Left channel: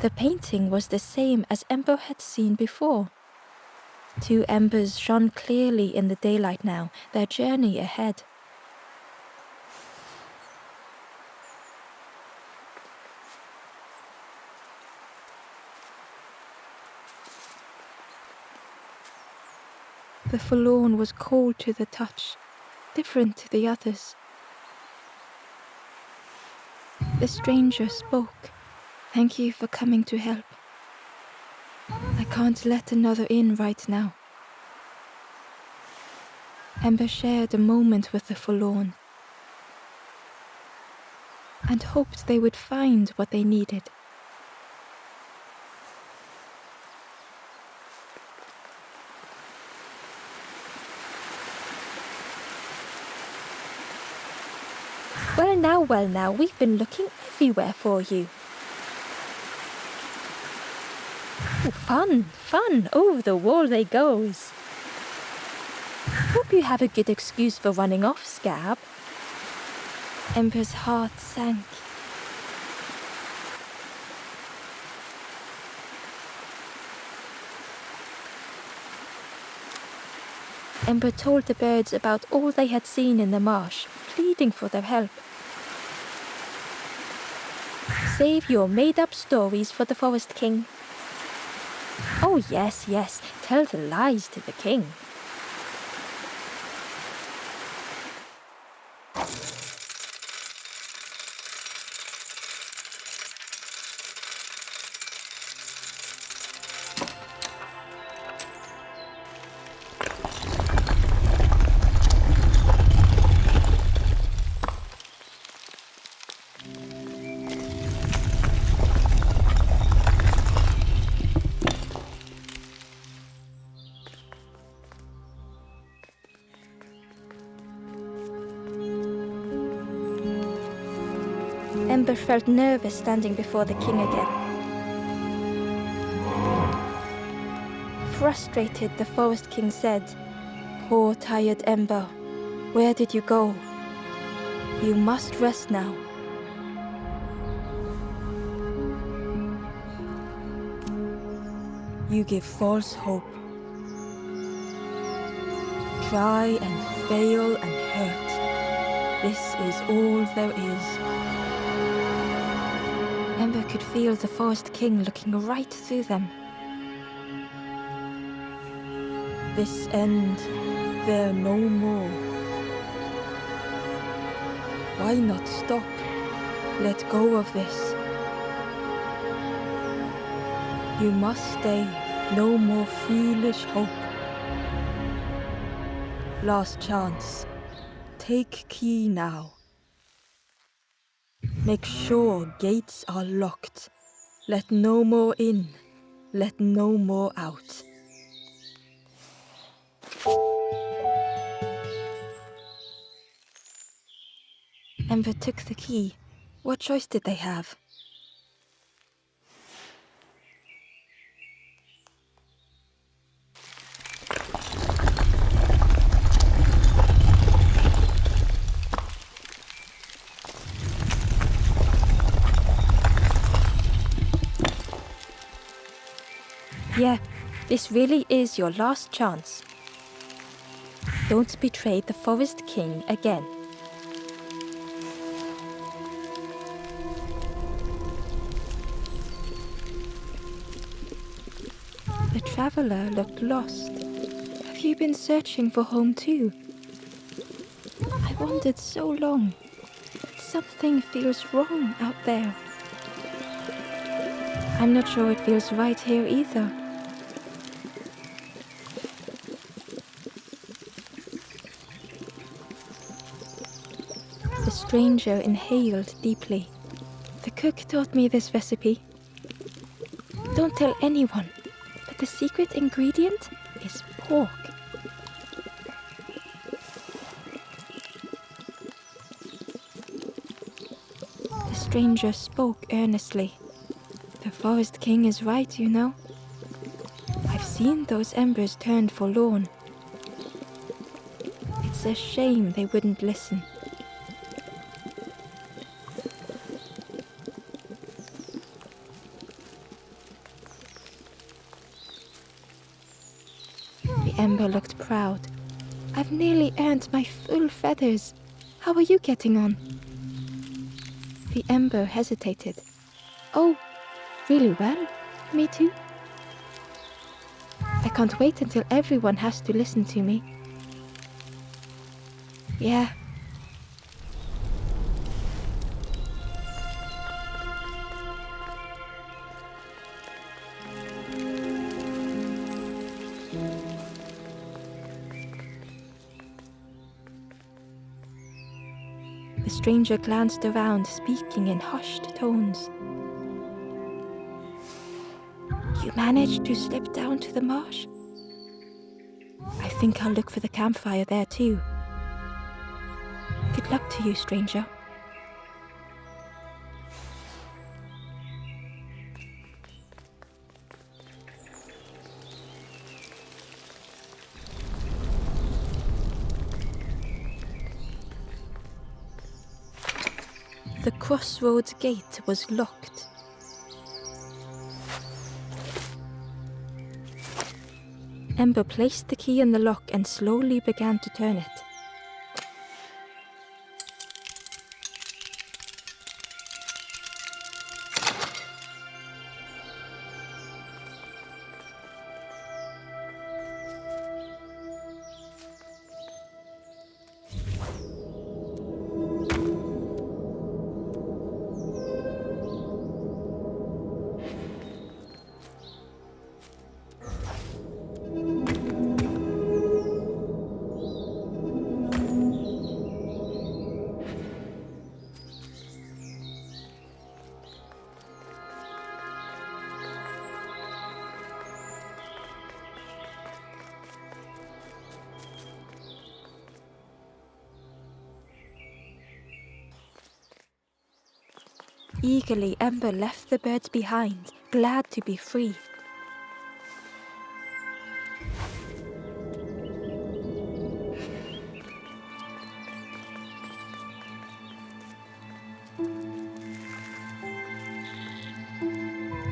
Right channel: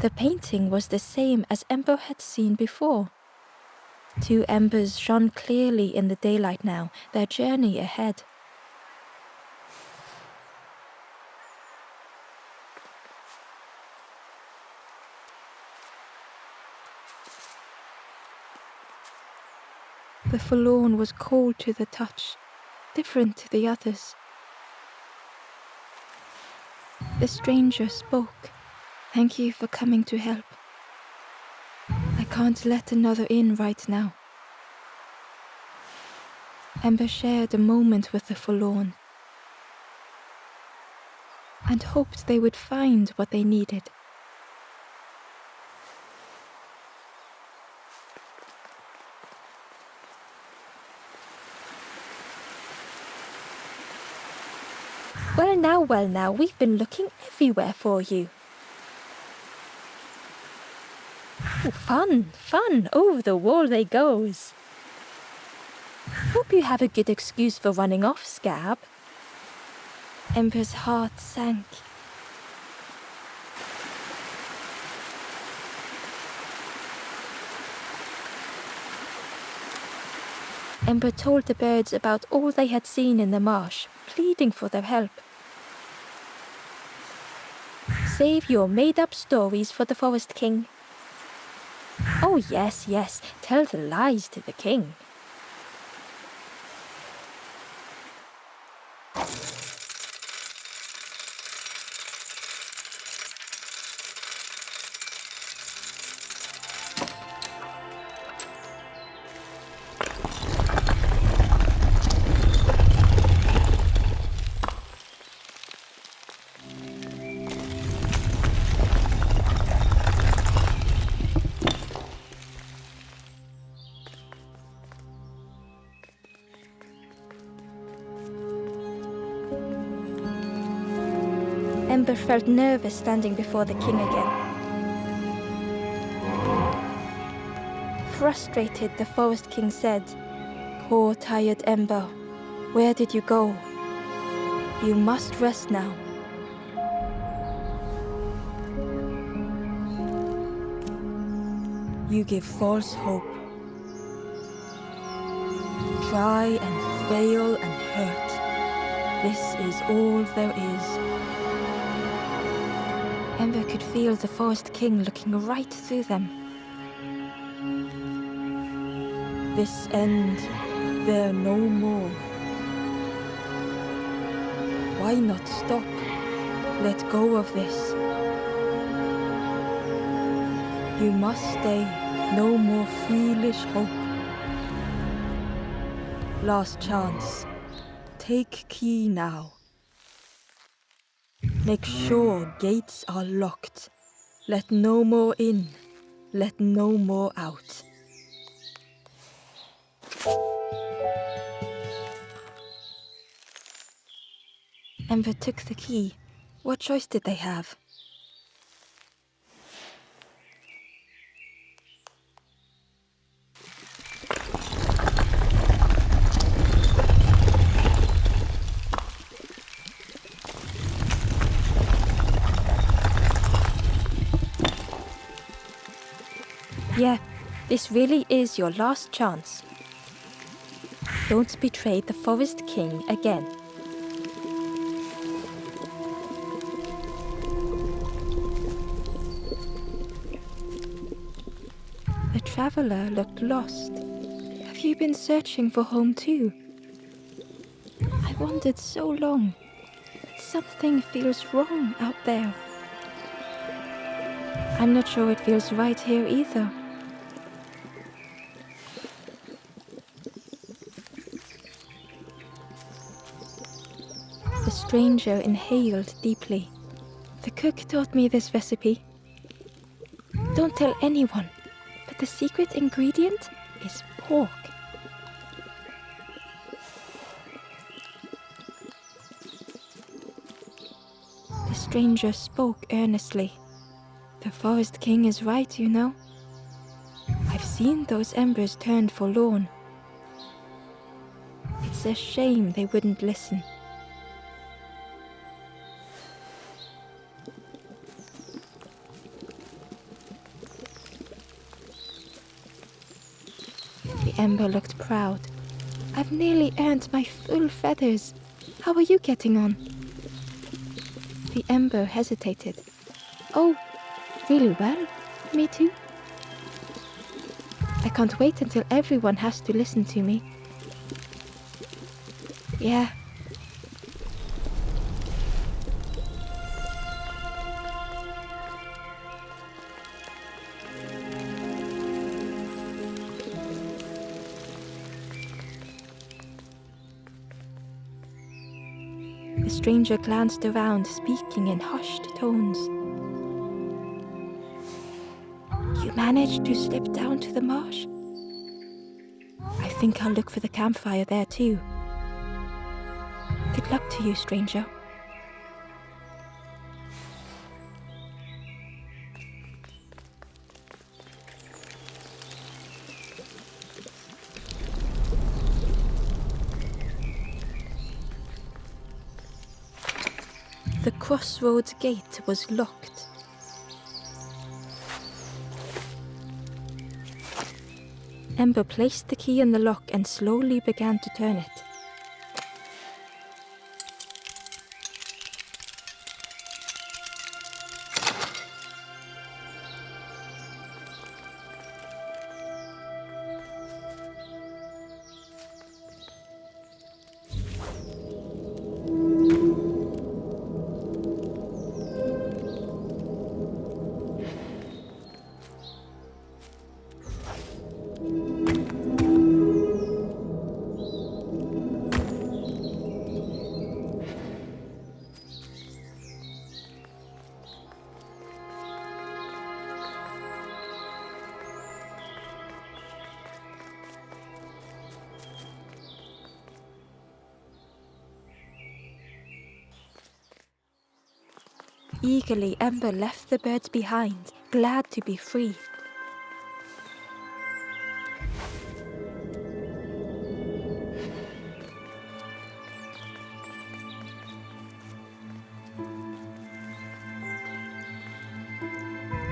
The painting was the same as Ember had seen before. 2 embers shone clearly in the daylight now, their journey ahead. The forlorn was cold to the touch, different to the others. The stranger spoke. "Thank you for coming to help. I can't let another in right now." Ember shared a moment with the forlorn and hoped they would find what they needed. Well now, we've been looking everywhere for you. Oh, fun, over the wall they goes. Hope you have a good excuse for running off, Scab. Ember's heart sank. Ember told the birds about all they had seen in the marsh, pleading for their help. Save your made-up stories for the Forest King. Oh yes, tell the lies to the king. Ember felt nervous standing before the king again. Frustrated, the Forest King said, "Poor tired Ember, where did you go? You must rest now." "You give false hope. Try and fail and hurt. This is all there is." Ember could feel the Forest King looking right through them. "This end, there no more. Why not stop? Let go of this. You must stay, no more foolish hope. Last chance. Take key now. Make sure gates are locked. Let no more in, let no more out." Ember took the key. What choice did they have? Yeah, this really is your last chance. Don't betray the Forest King again. The traveler looked lost. "Have you been searching for home too?" "I wandered so long, but something feels wrong out there." "I'm not sure it feels right here either." The stranger inhaled deeply. "The cook taught me this recipe. Don't tell anyone, but the secret ingredient is pork." The stranger spoke earnestly. "The Forest King is right, you know. I've seen those embers turned forlorn. It's a shame they wouldn't listen." Ember looked proud. I've nearly earned my full feathers. How are you getting on? The Ember hesitated. Oh, really well. Me too. I can't wait until everyone has to listen to me. Yeah. The stranger glanced around, speaking in hushed tones. You managed to slip down to the marsh? I think I'll look for the campfire there too. Good luck to you, stranger. The crossroads gate was locked. Ember placed the key in the lock and slowly began to turn it. Eagerly, Ember left the birds behind, glad to be free.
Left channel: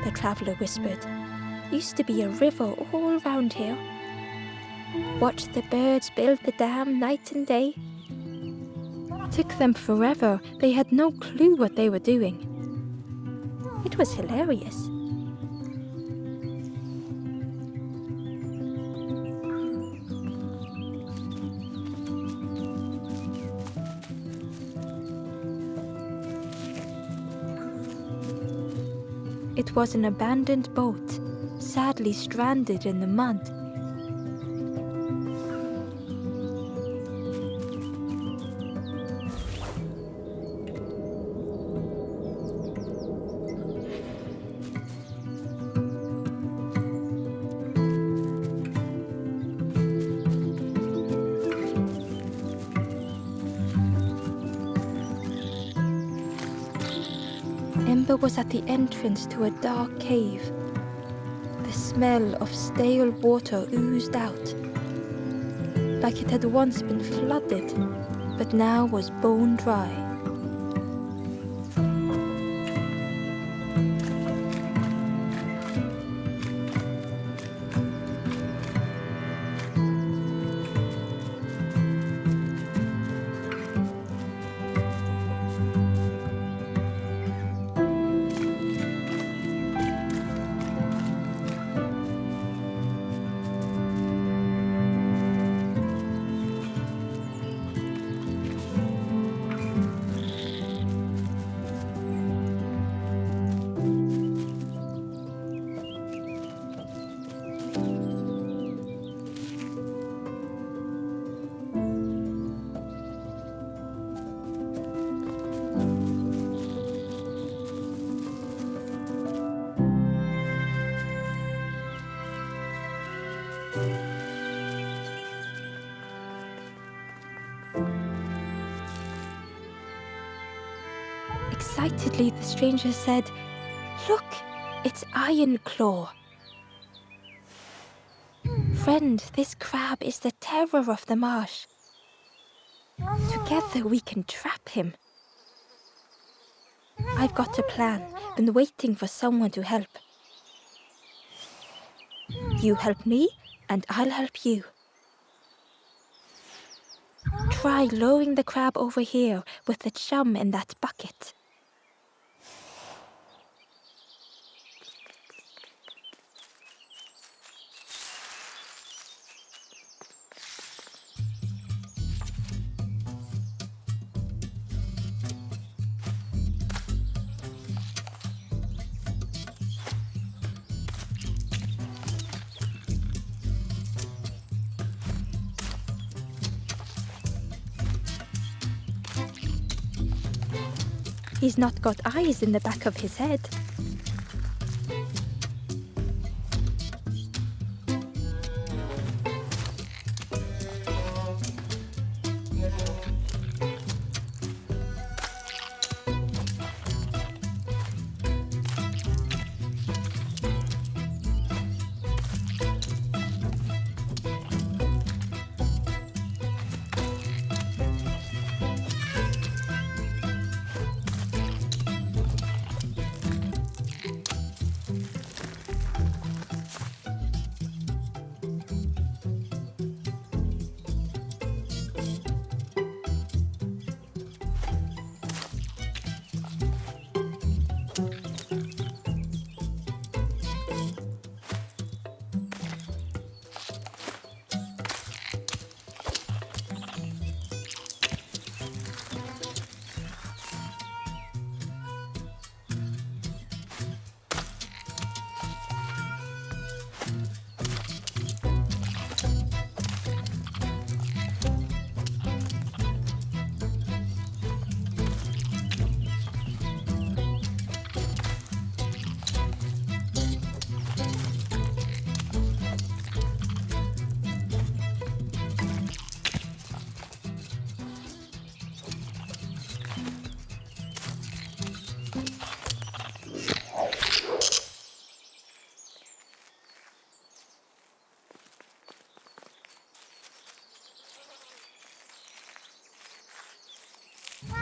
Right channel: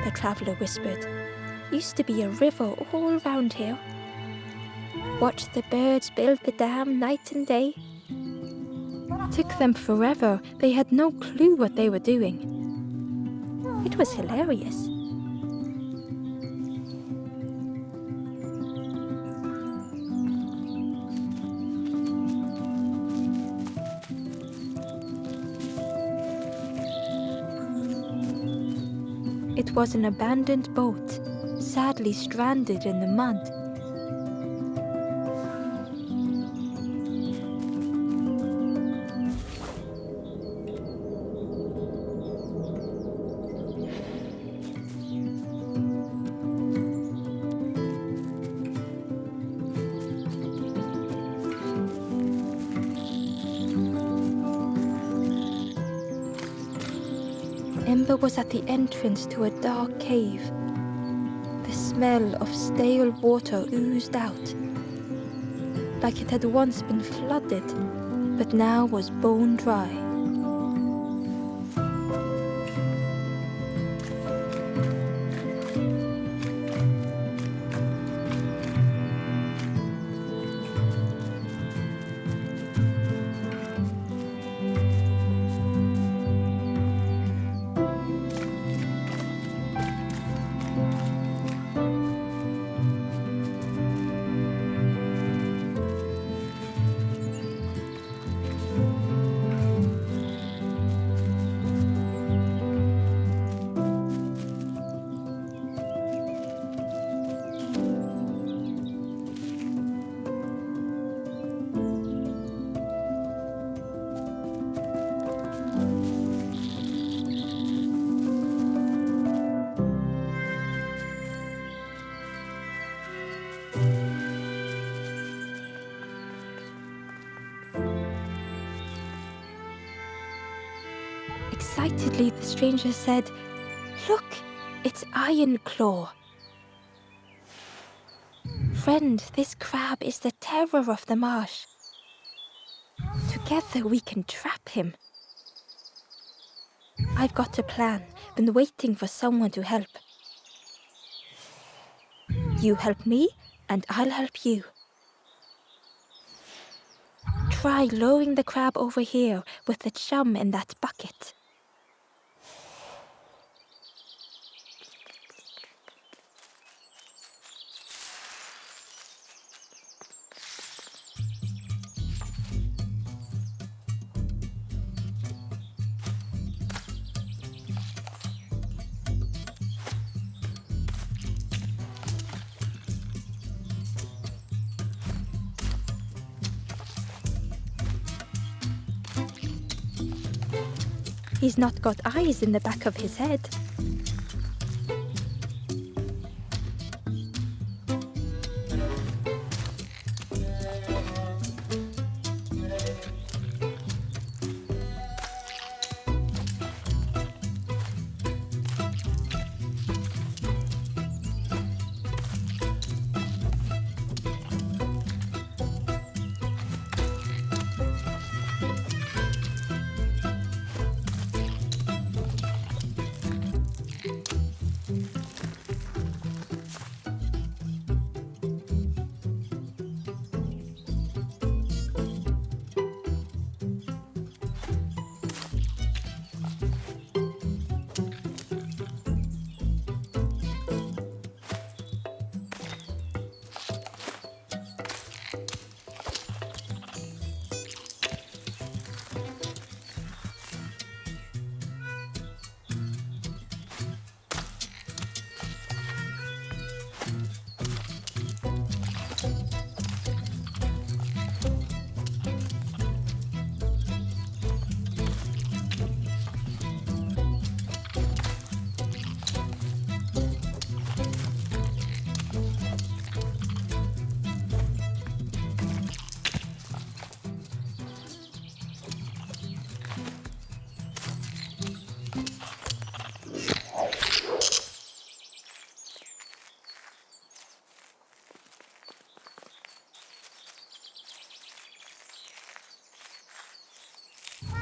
The traveller whispered. Used to be a river all round here. Watched the birds build the dam night and day. Took them forever. They had no clue what they were doing. It was hilarious. It was an abandoned boat, sadly stranded in the mud. Ember was at the entrance to a dark cave. The smell of stale water oozed out, like it had once been flooded, but now was bone dry. Excitedly, the stranger said, "Look, it's Iron Claw. Friend, this crab is the terror of the marsh. Together we can trap him. I've got a plan, been waiting for someone to help. You help me, and I'll help you. try lowering the crab over here with the chum in that bucket. He's not got eyes in the back of his head.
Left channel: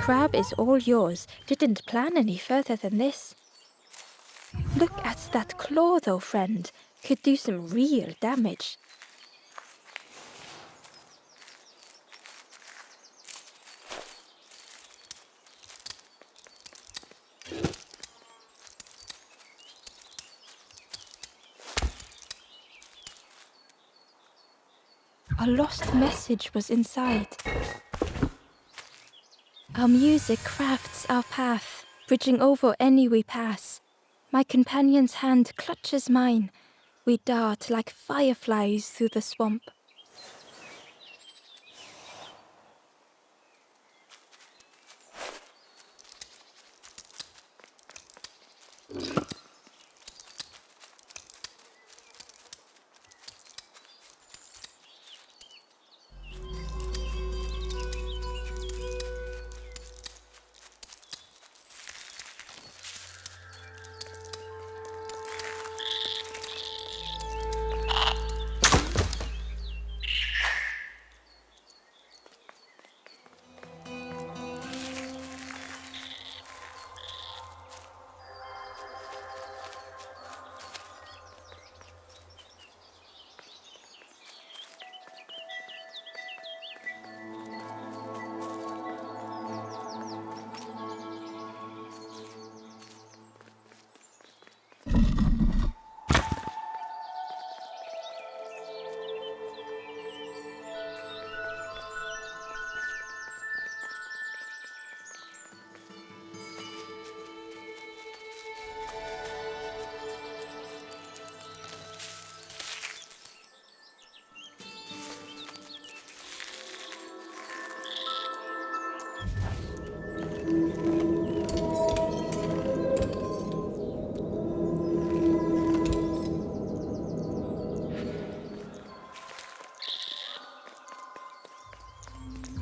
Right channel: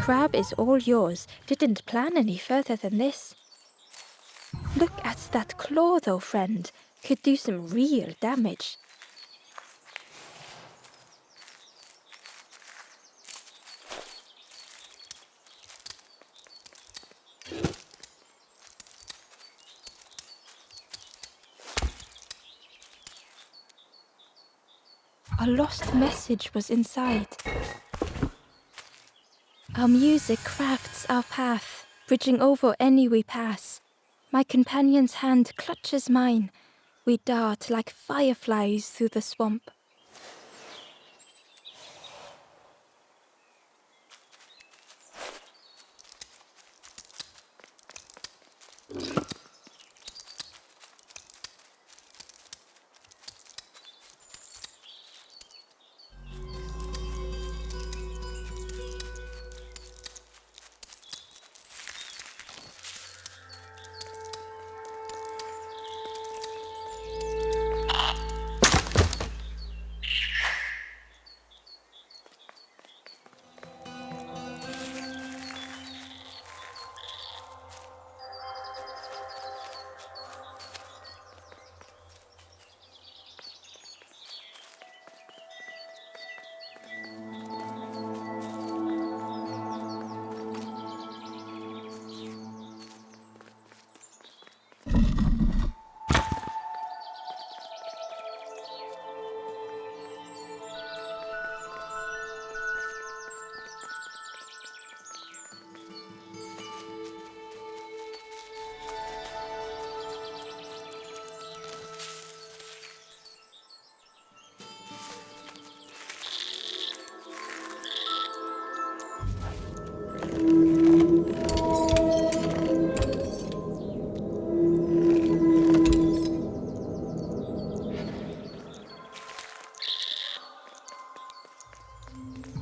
Crab is all yours. Didn't plan any further than this. Look at that claw though, friend. Could do some real damage. A lost message was inside. Our music crafts our path, bridging over any we pass. My companion's hand clutches mine. We dart like fireflies through the swamp.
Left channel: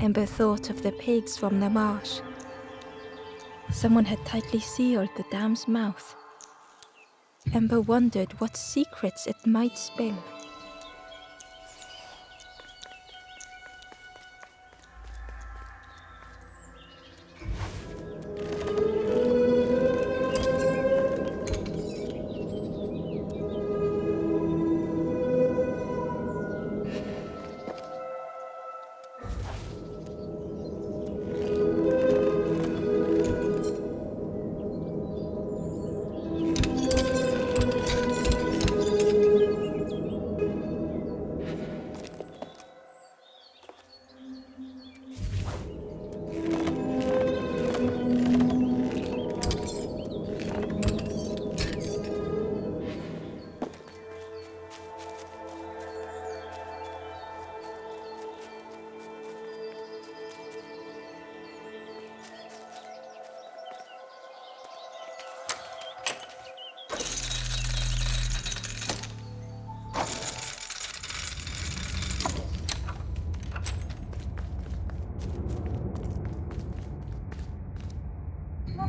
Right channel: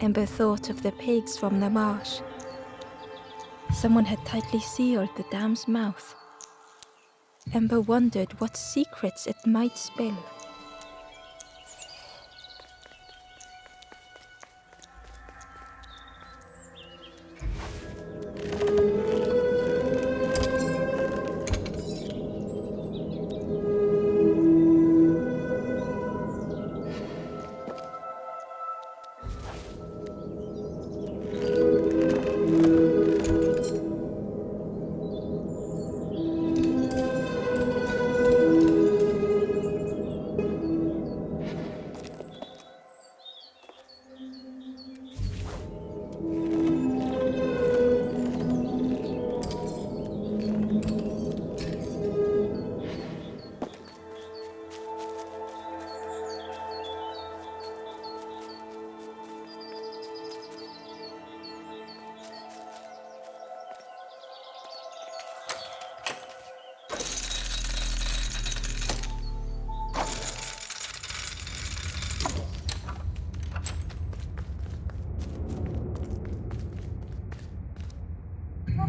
Ember thought of the pigs from the marsh. Someone had tightly sealed the dam's mouth. Ember wondered what secrets it might spill.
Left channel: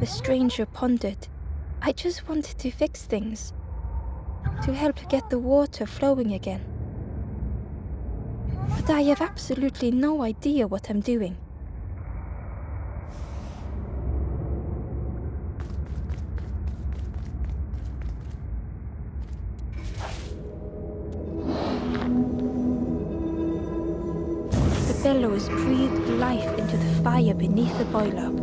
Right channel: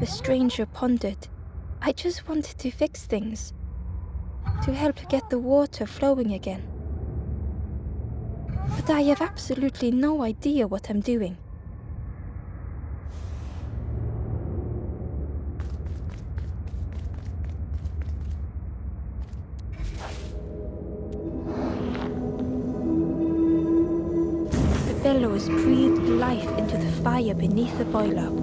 The stranger pondered. I just wanted to fix things, to help get the water flowing again. But I have absolutely no idea what I'm doing. The bellows breathed life into the fire beneath the boiler.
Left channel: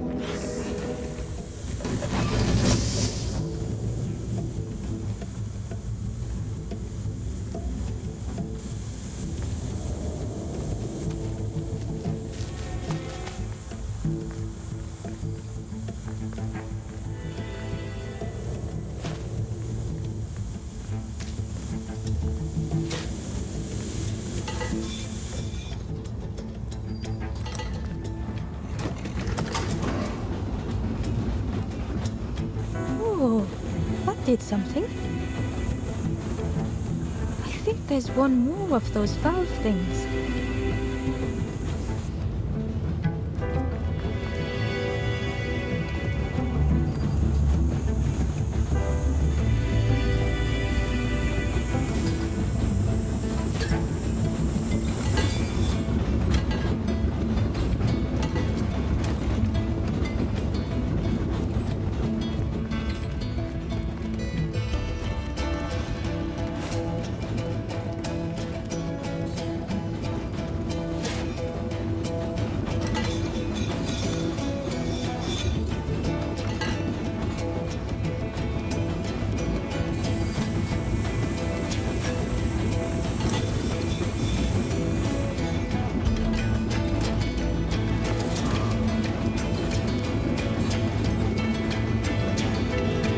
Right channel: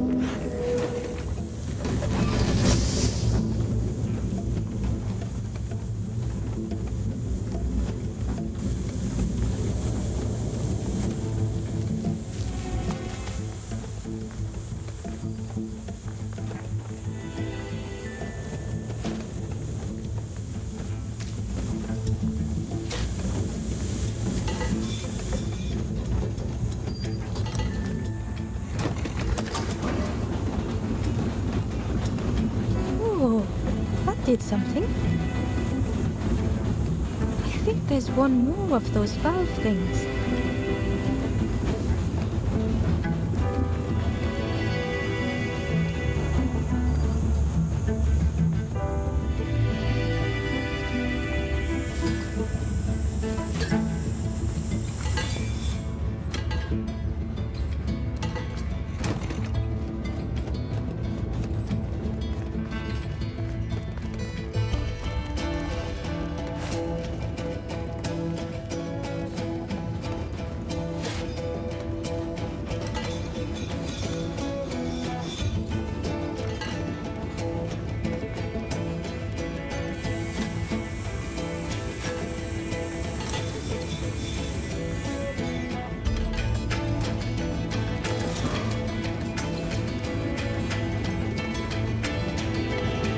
Oh, that did something. I think there's one more of those valve things.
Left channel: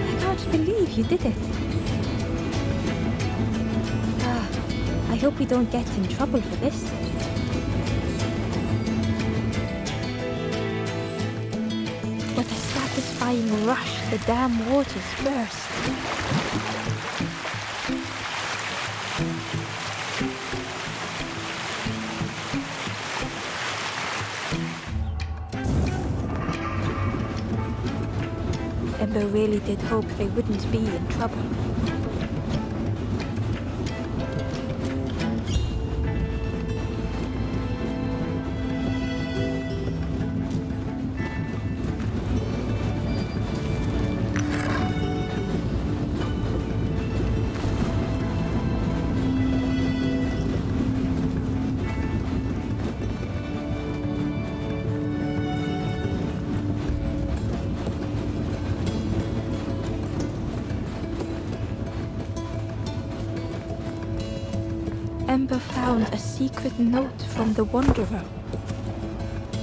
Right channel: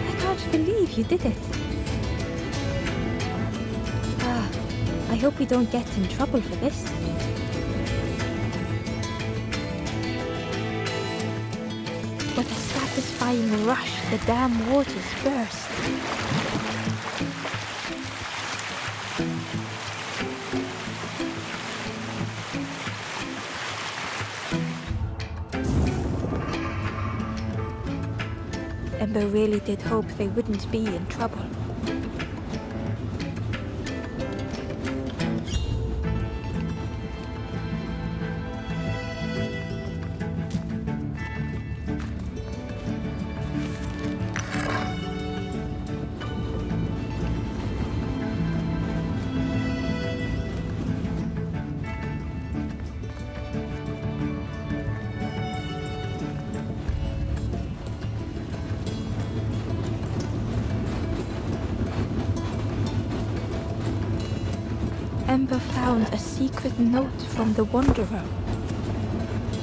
I can't believe you did it. I hope we don't get in trouble for this. With a satisfying rush, the dam waters burst. Ember really did hope they wouldn't be in trouble. Ember found a secret note from the Wanderer.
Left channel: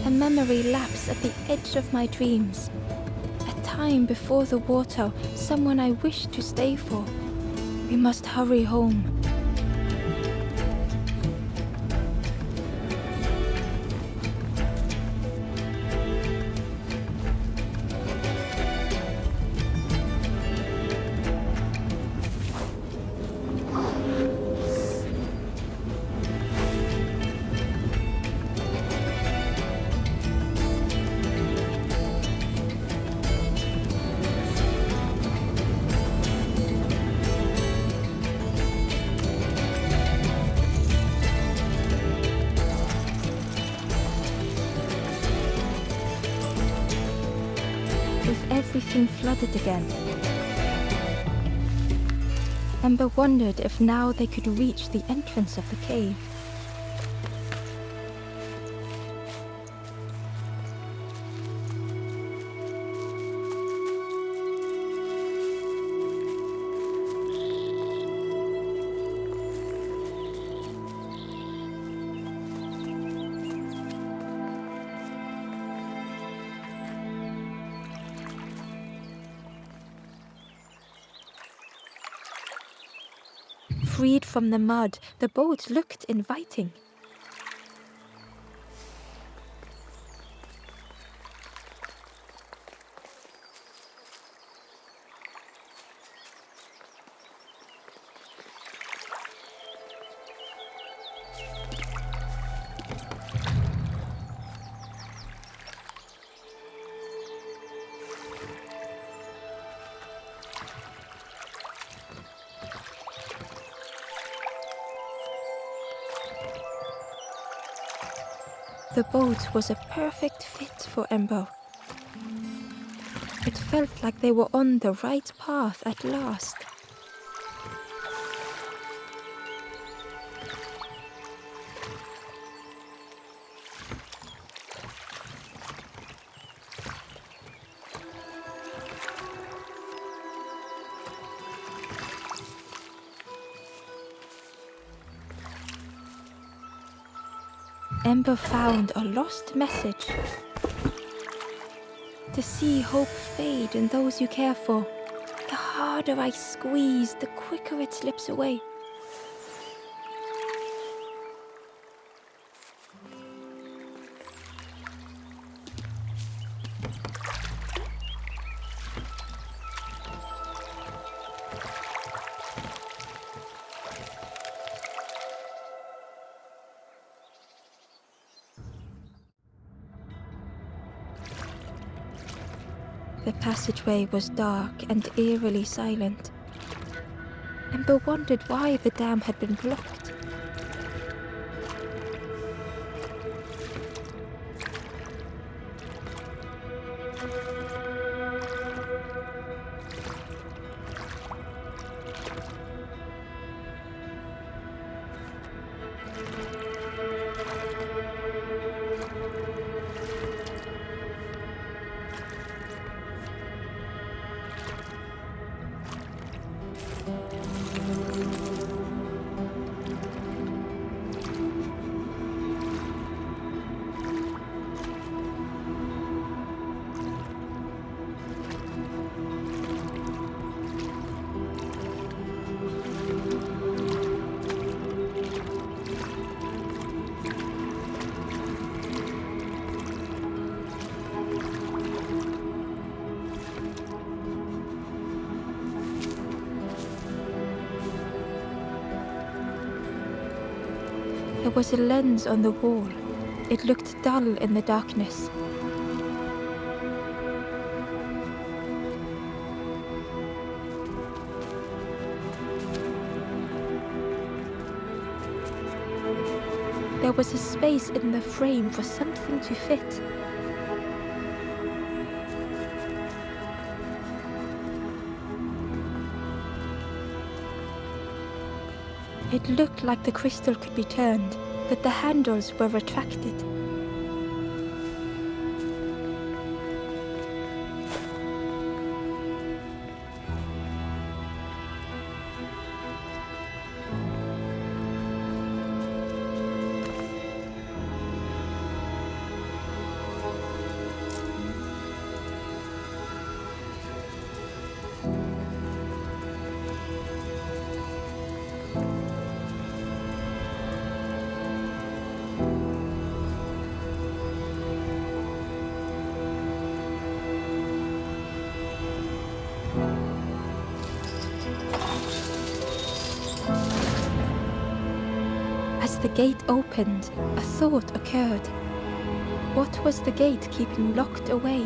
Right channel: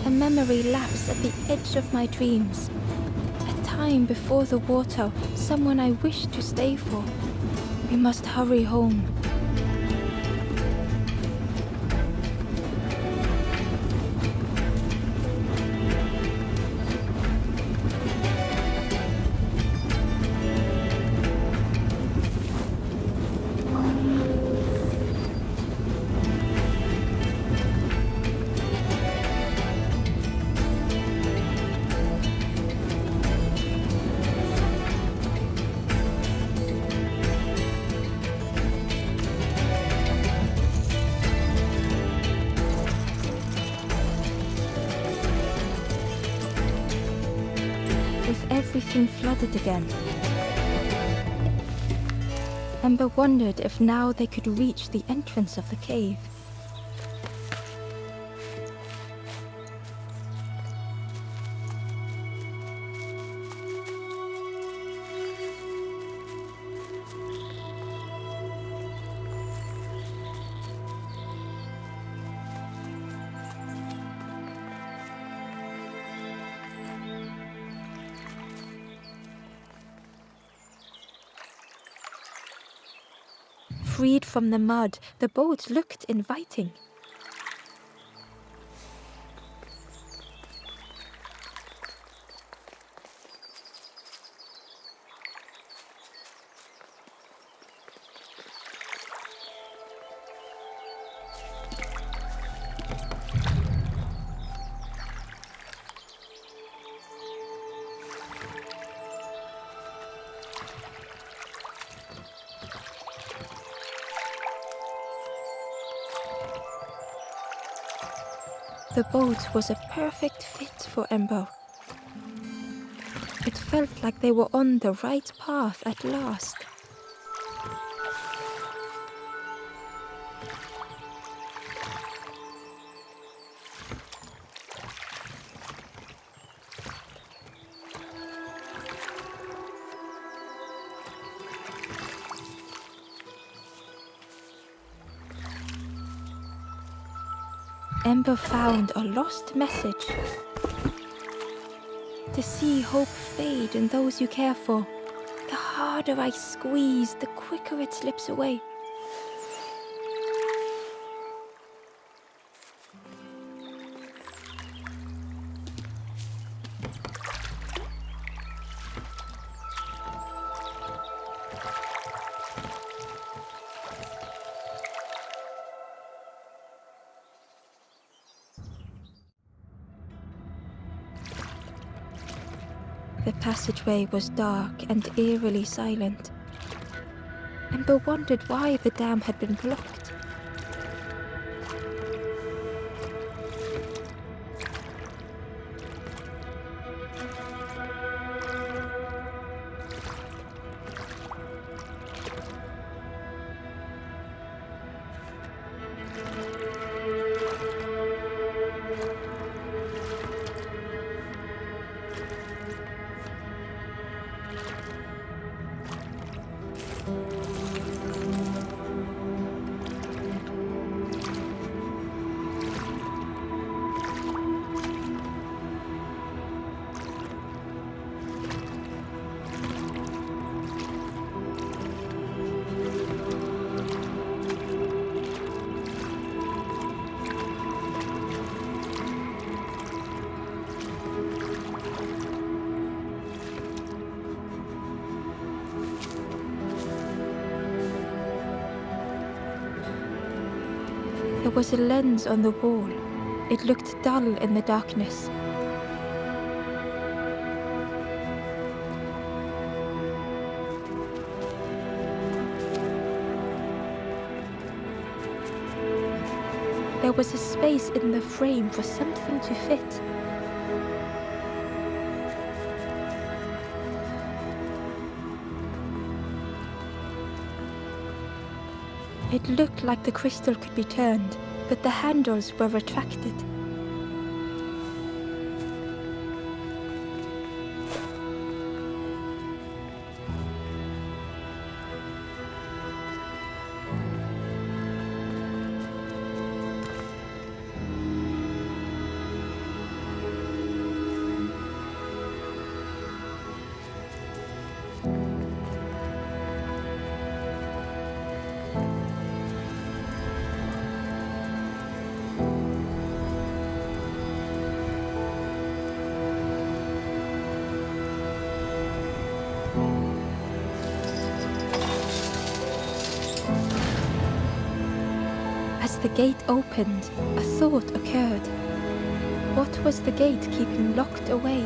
A memory lapse at the edge of my dreams. A time before the water, someone I wished to stay for. We must hurry home. With everything flooded again, Ember wondered if now they could reach the entrance of the cave. Freed from the mud, the boat looked inviting. The boat was a perfect fit for Ember. It felt like they were on the right path at last. Ember found a lost message. To see hope fade in those you care for, the harder I squeeze, the quicker it slips away. The passageway was dark and eerily silent. Ember wondered why the dam had been blocked. There was a lens on the wall. It looked dull in the darkness. There was a space in the frame for something to fit. It looked like the crystal could be turned, but the handles were retracted. As the gate opened, a thought occurred. What was the gate keeping locked away?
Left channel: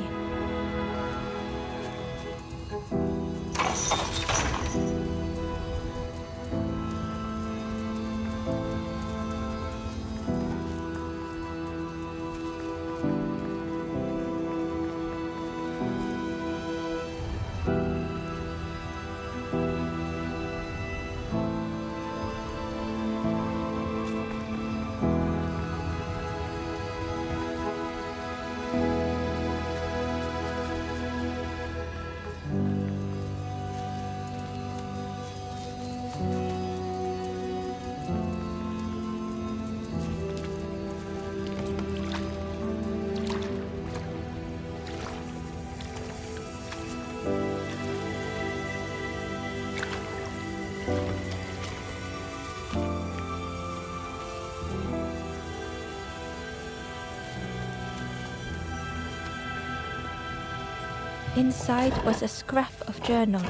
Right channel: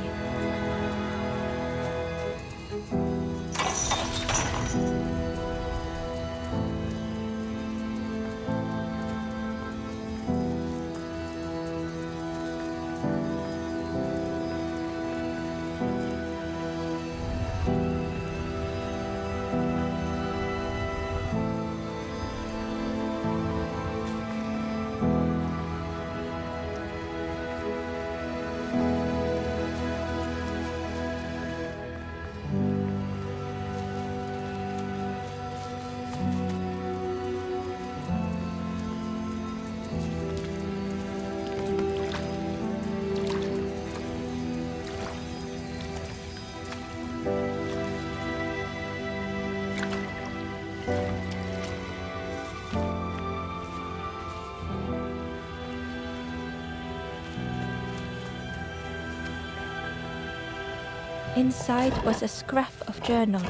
Inside was a scrap of journal.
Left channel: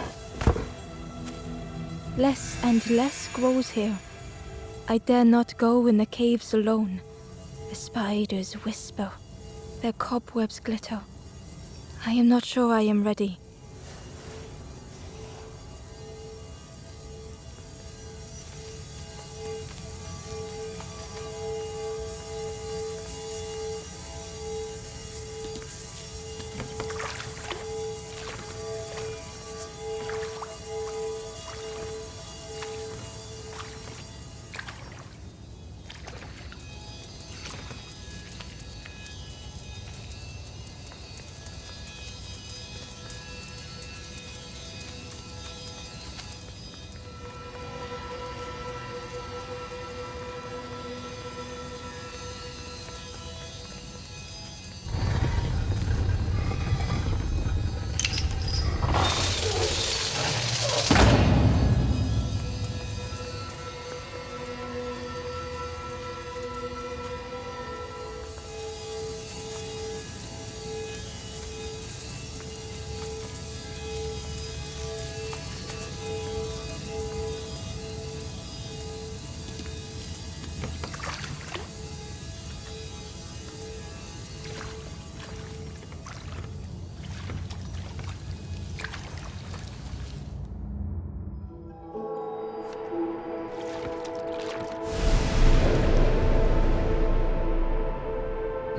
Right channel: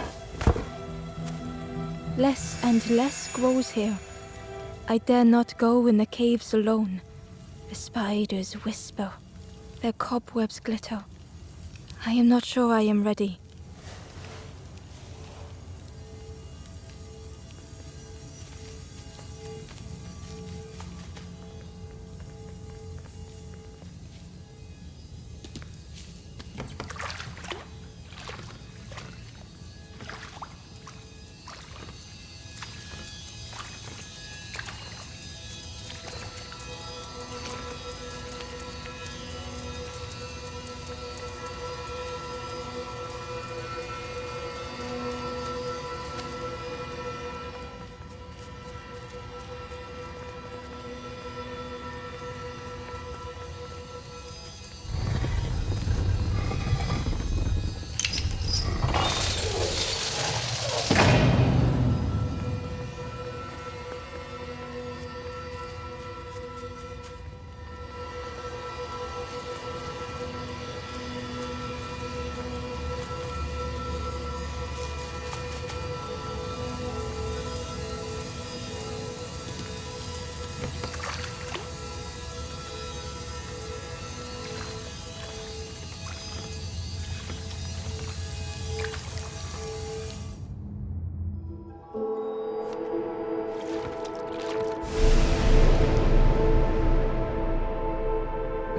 Less and less grows here. I dare not go in the caves alone. The spiders whisper. Their cobwebs glitter. I am not sure I am ready.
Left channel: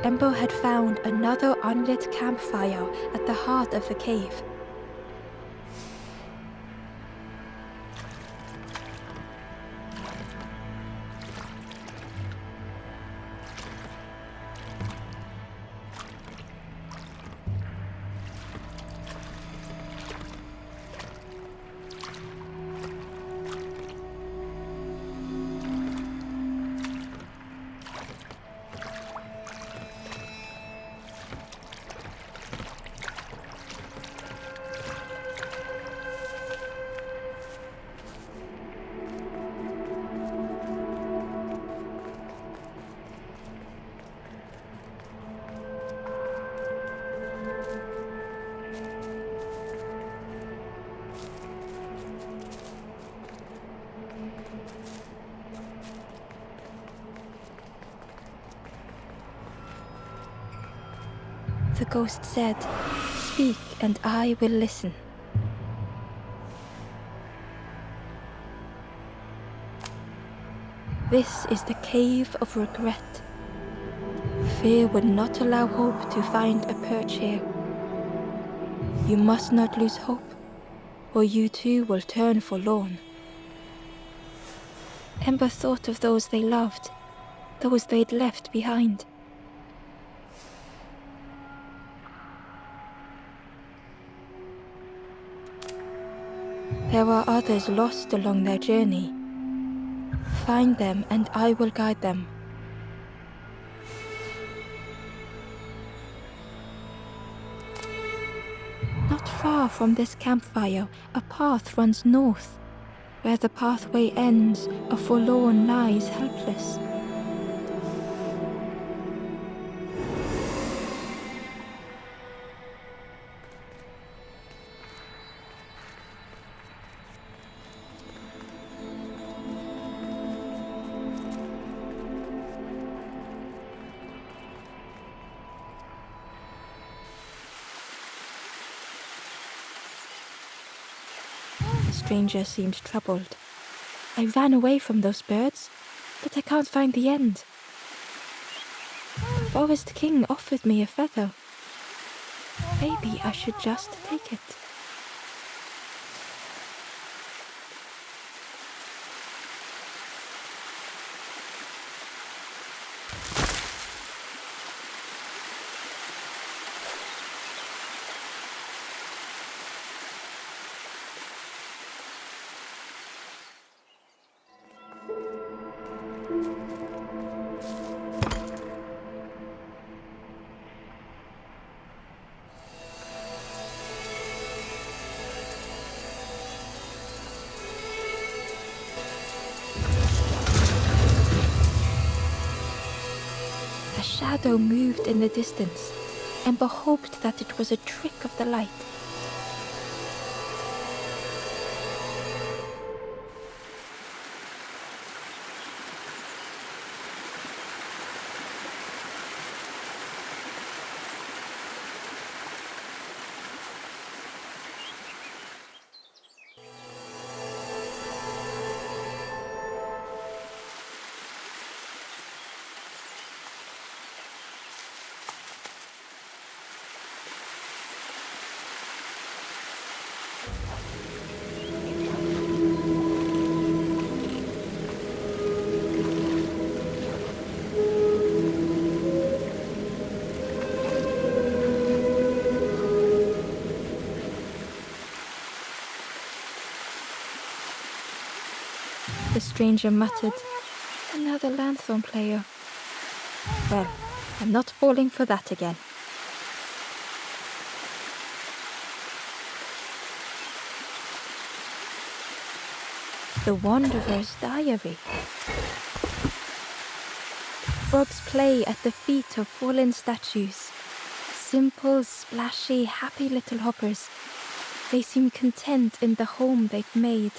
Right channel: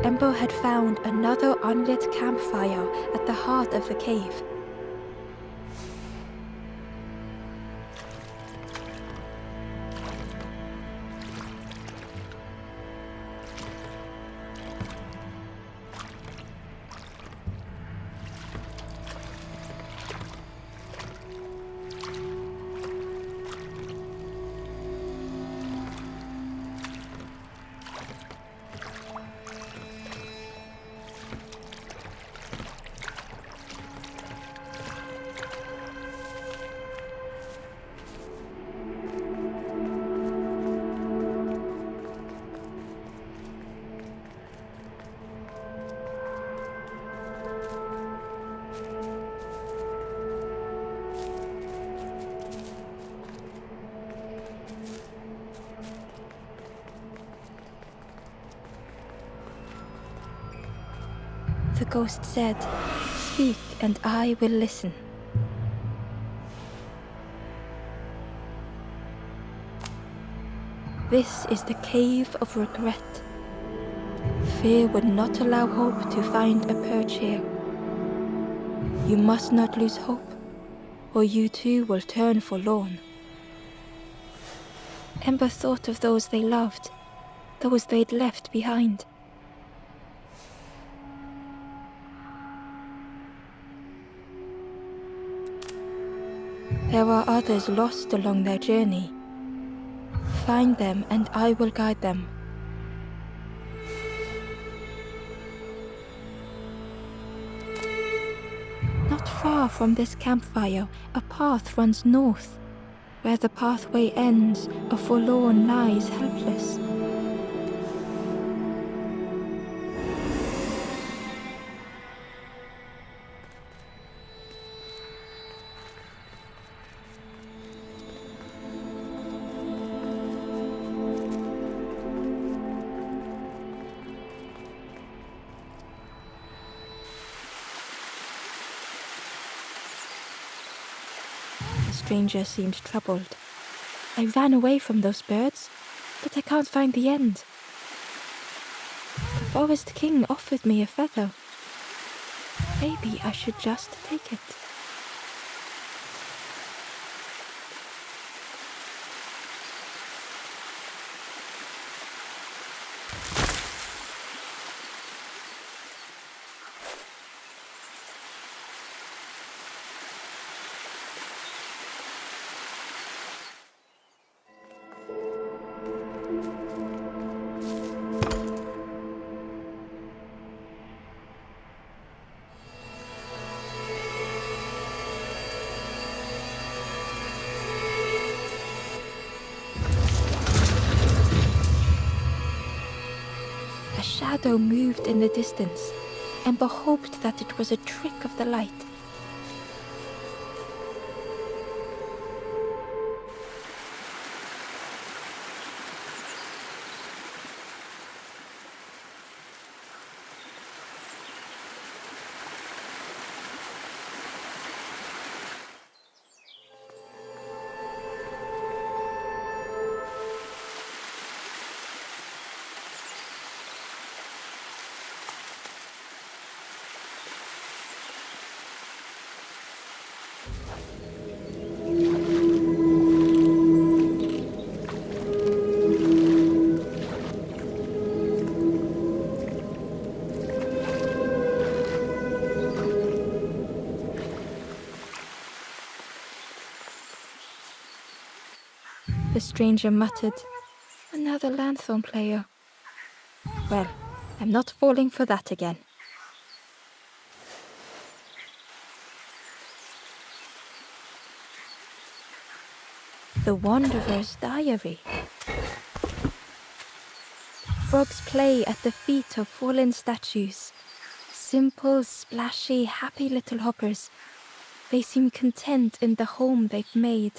Ember had found another unlit campfire at the heart of the cave. The ghost said, "Speak and I will listen." This is the cave of regret. Fear would not allow hope to find a perch here. You must not lose hope, or you too will turn forlorn. Ember thought of those they loved, those they'd left behind. There are others lost along their journey. Find them and I will guide them. Not far from this campfire, a path runs north. Where the pathway ends, a forlorn lies helpless. The stranger seemed troubled. I ran away from those birds, but I can't find the end. The Forest King offered me a feather. Maybe I should just take it. A shadow moved in the distance. Ember hoped that it was a trick of the light. The stranger muttered, "Another lanthorn player. Well, I'm not falling for that again." The Wanderer's Diary. Frogs play at the feet of fallen statues. Simple, splashy, happy little hoppers. They seem content in the home they've made.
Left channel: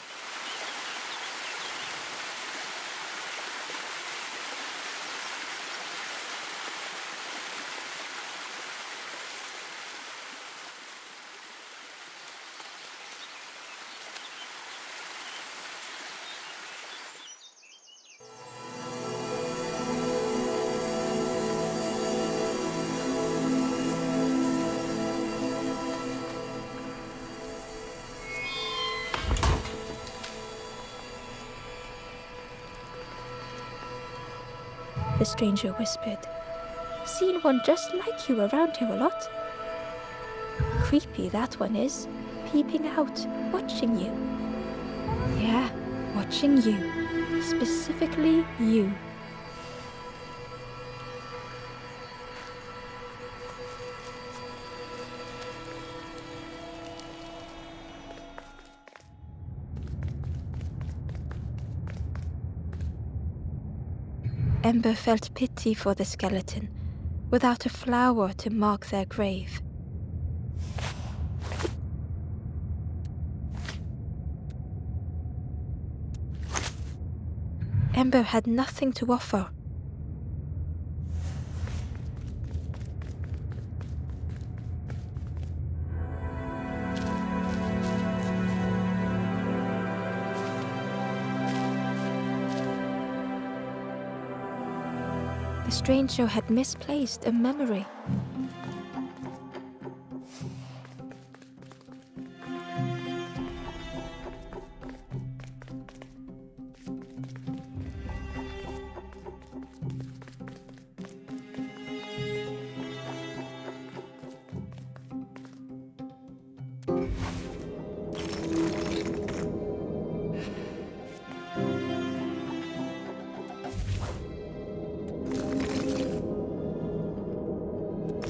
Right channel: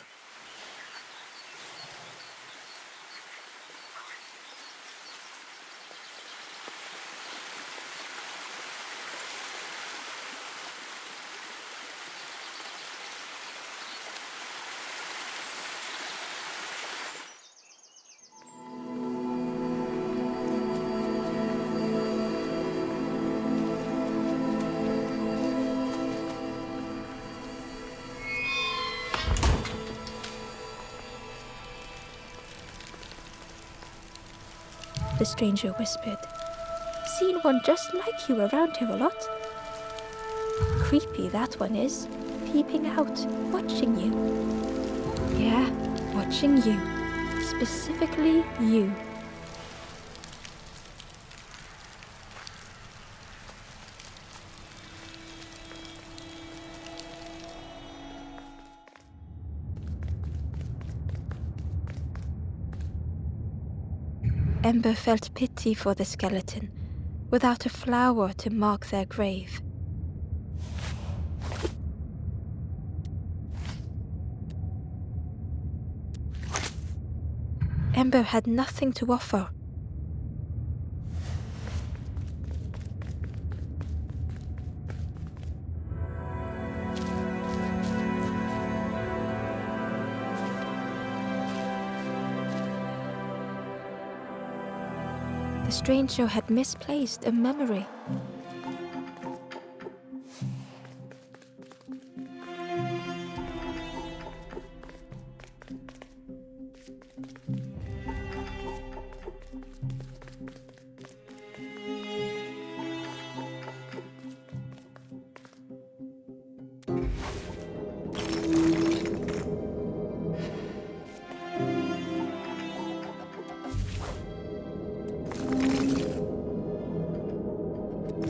the stranger whispered. Seen one just like you around here a lot. Creepy that one is, peeping out, watching you. Yeah, watching you. Specifically you. Ember felt pity for the skeleton, without a flower to mark their grave. Ember had nothing to offer. The stranger had misplaced a memory.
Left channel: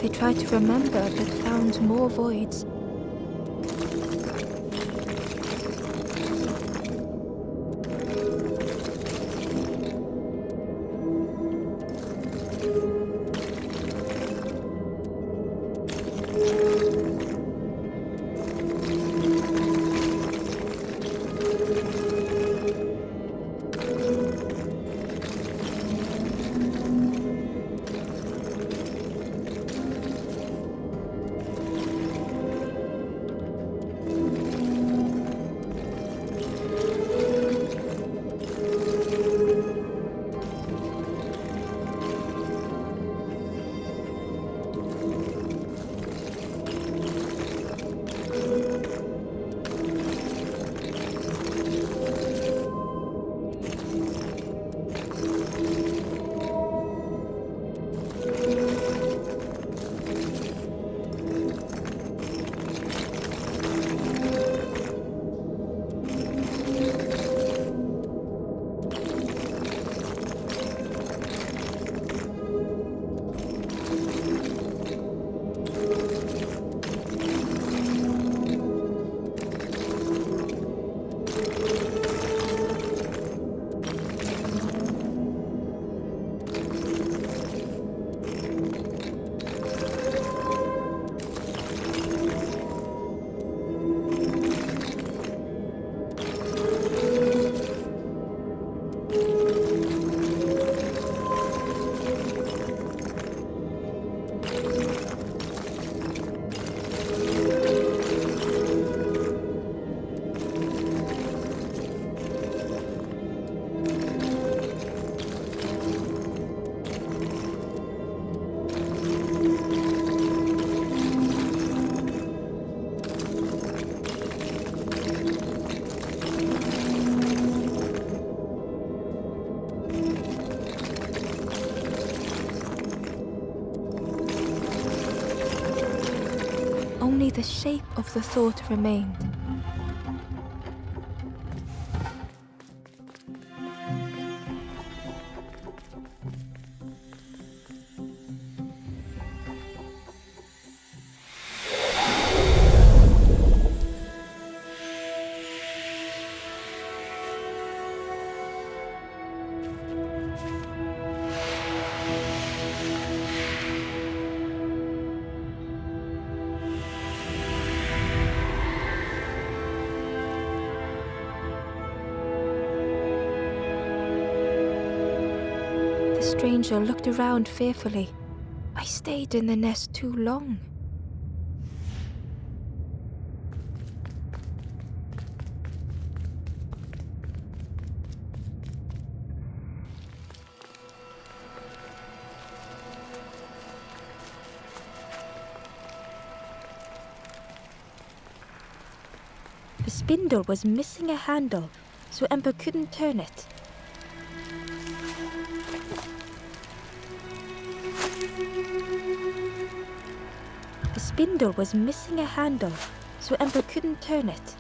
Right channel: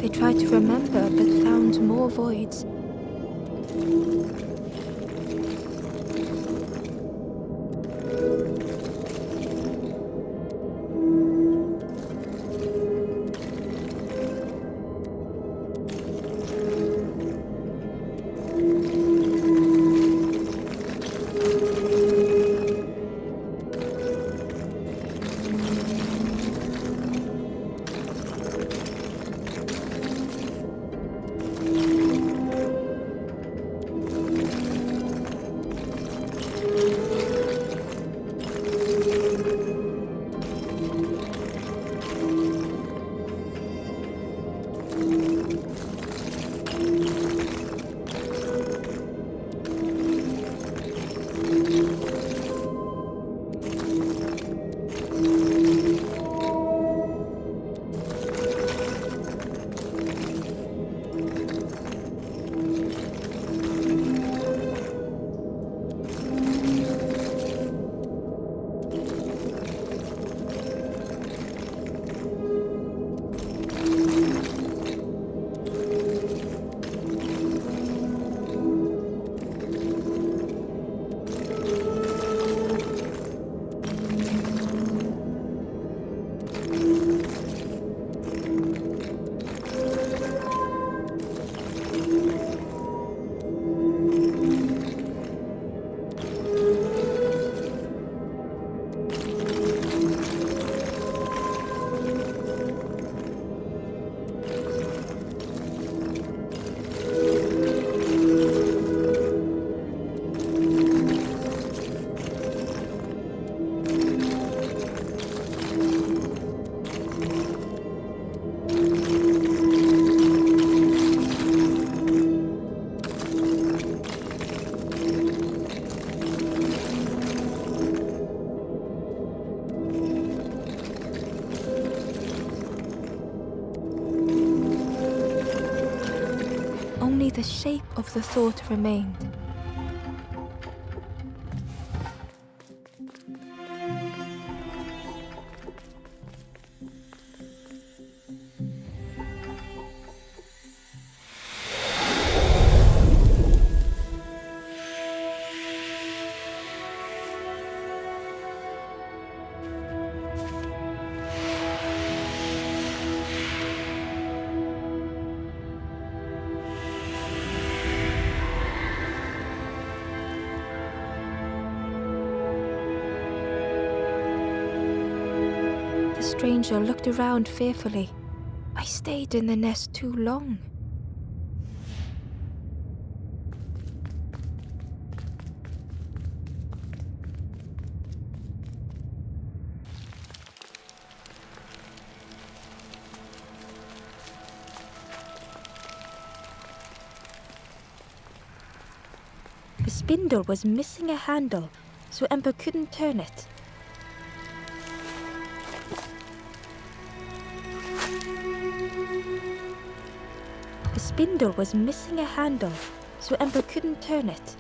They tried to remember but found more voids. Only the shape of the thought remained. The stranger looked around fearfully. I stayed in the nest too long. The spindle was missing a handle, so Ember couldn't turn it. spindle was missing a handle, so Ember couldn't turn it.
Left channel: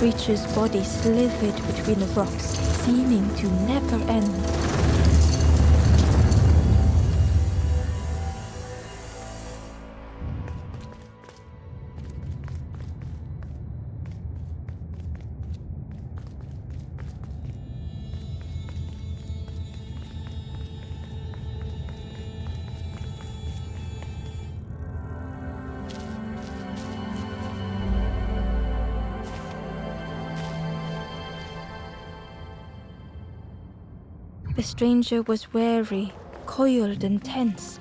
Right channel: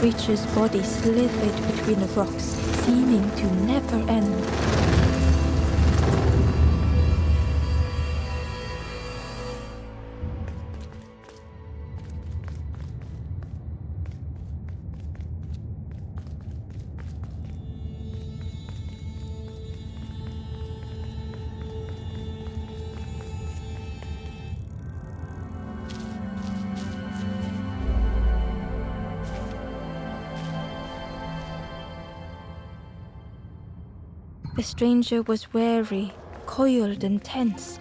The creature's body slithered between the rocks, seeming to never end. The stranger was wary, coiled and tense.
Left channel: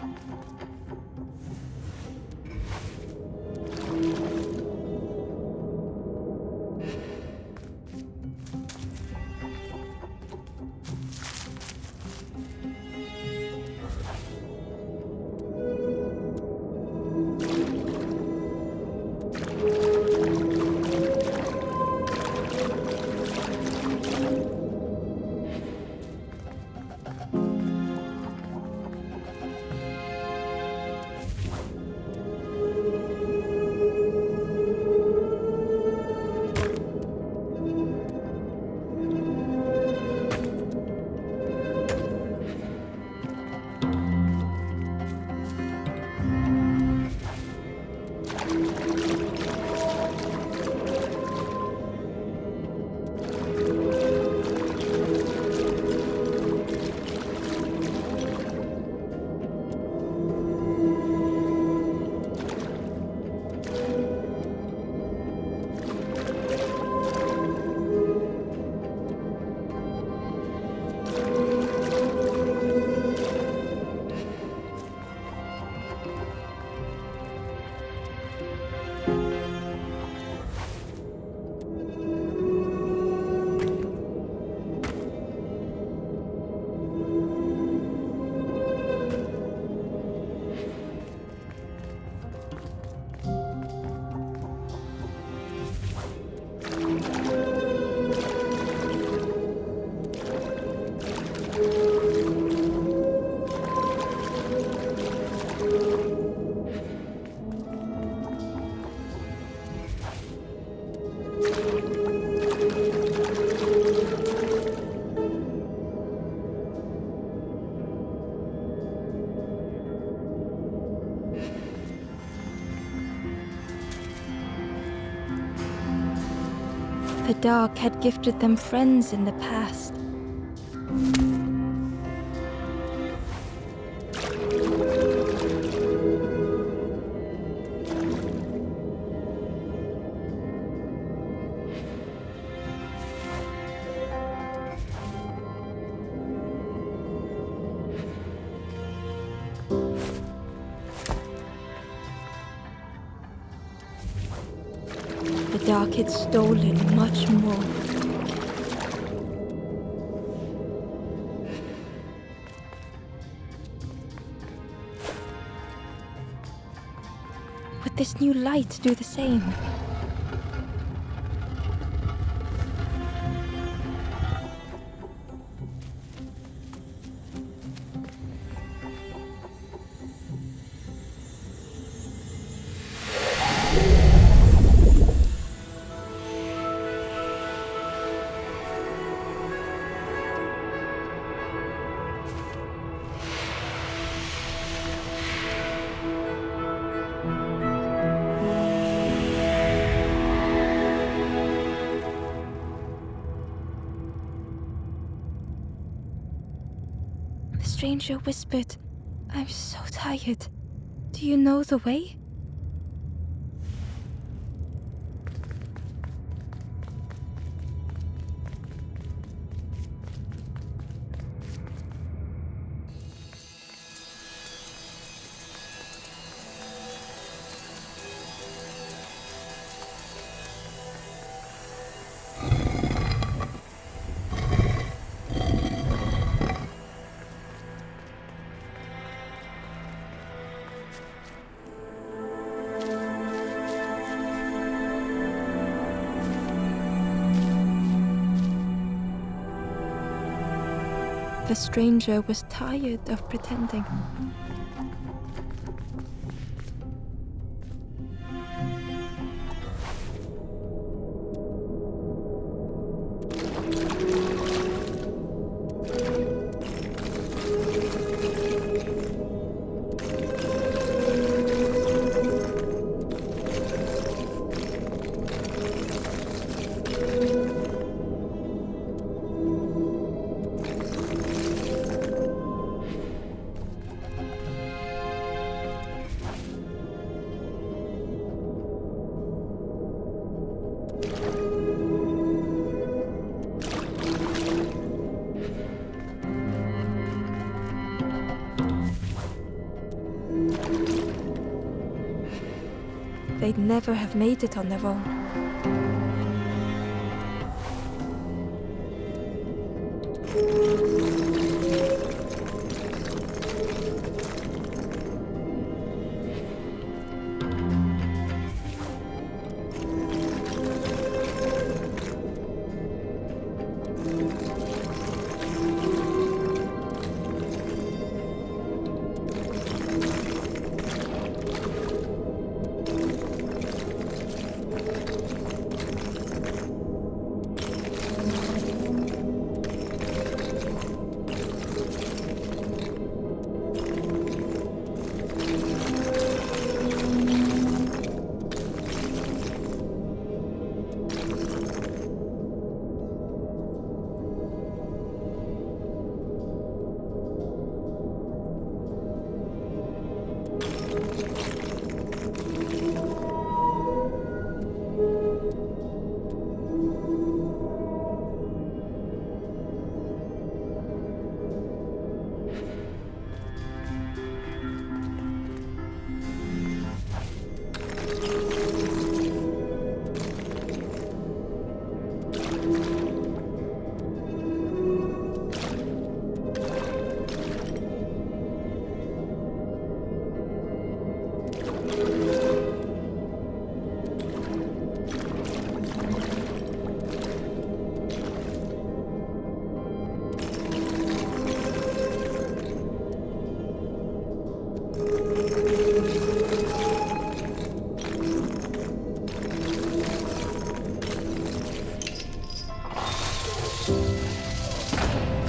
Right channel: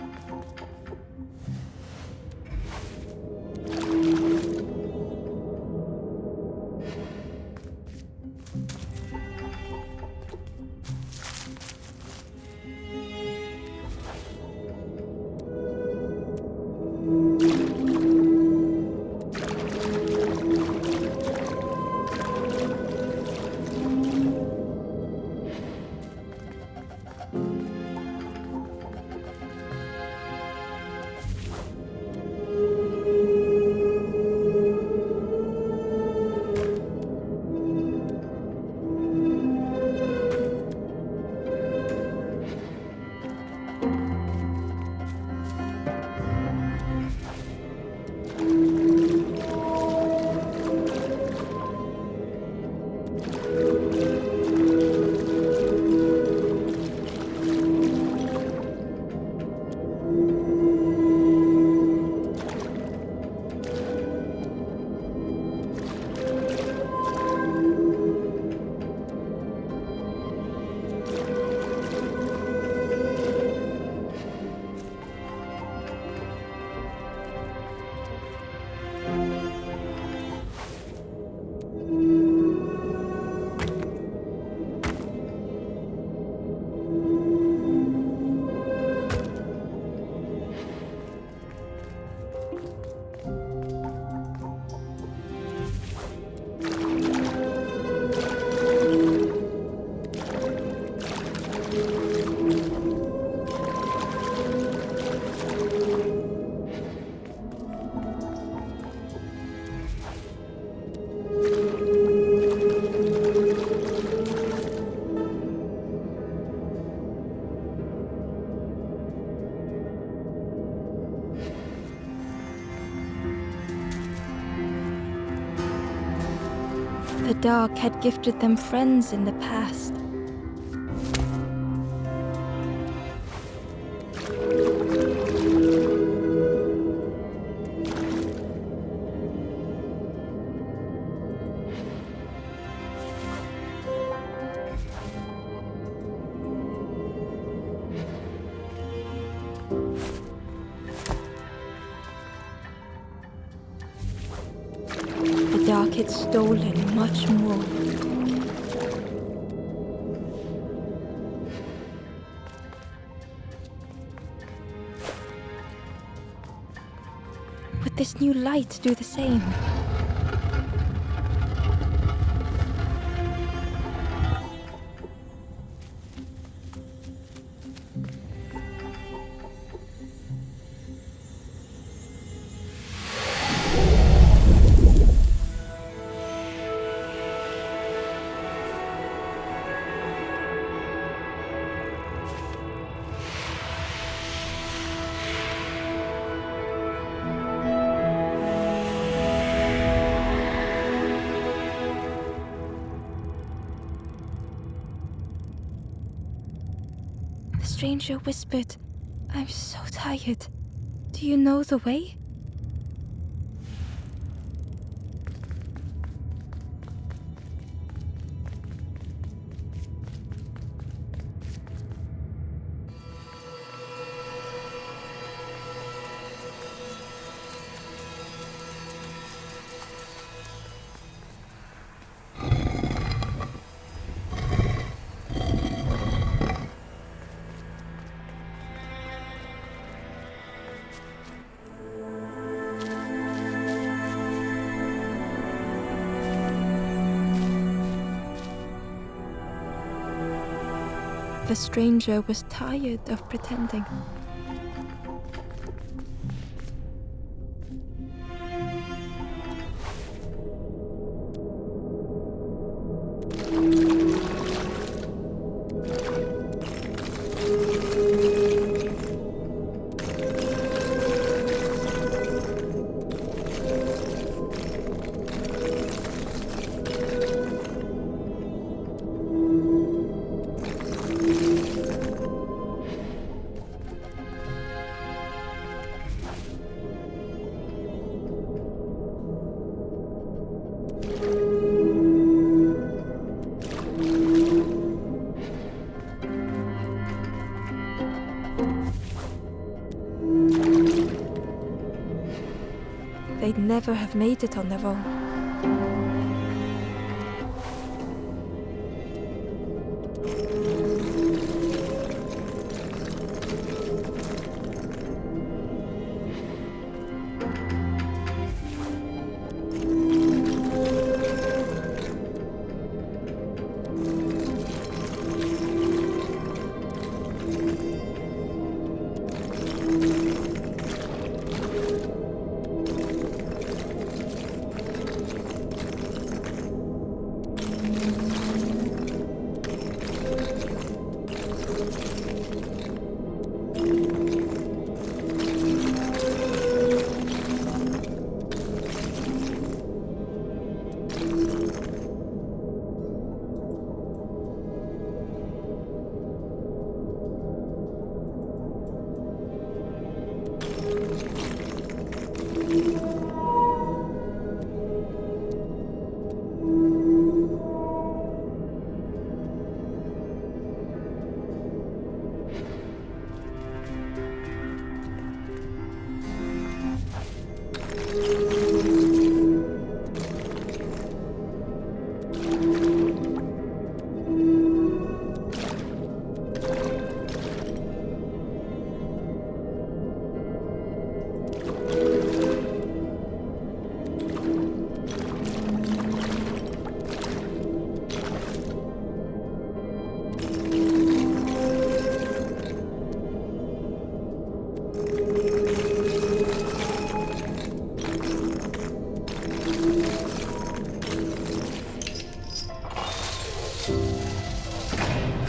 The dark had gifted them friends in the past. dark had stolen much more. Would this new light do the same? The stranger whispered, "I'm so tired. Do you know the way?" The stranger was tired of pretending. They'd never have made it on their own.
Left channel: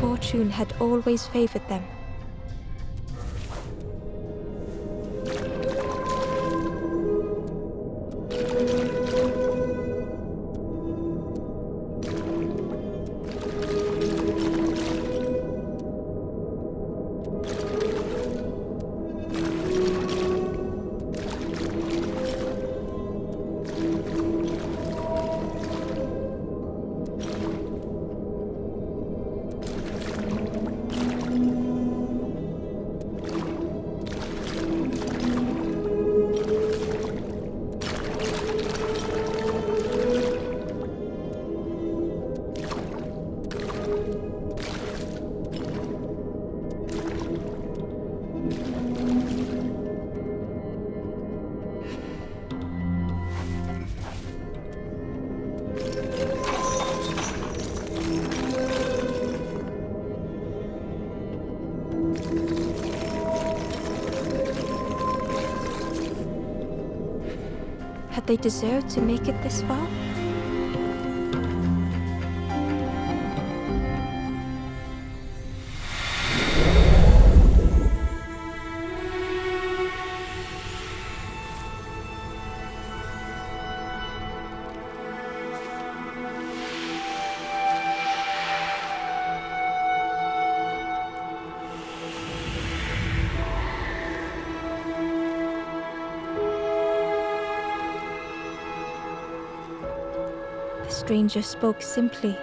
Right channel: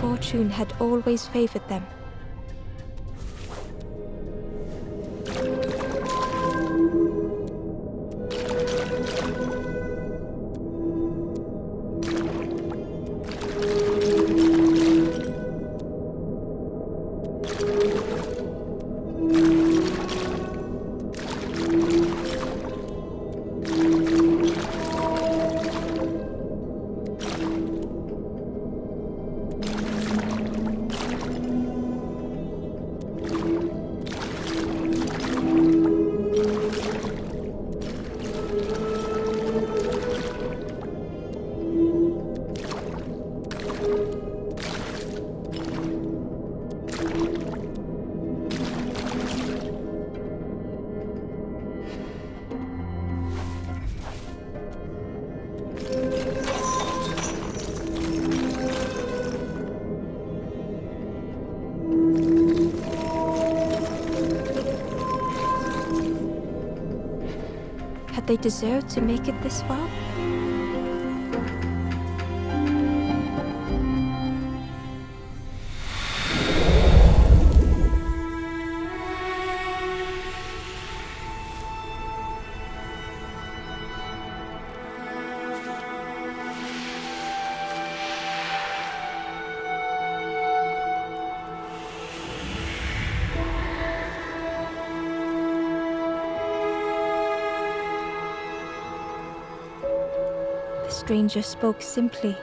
Fortune had always favored them. Had they deserved to make it this far? The stranger spoke simply.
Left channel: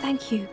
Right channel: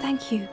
"Thank you."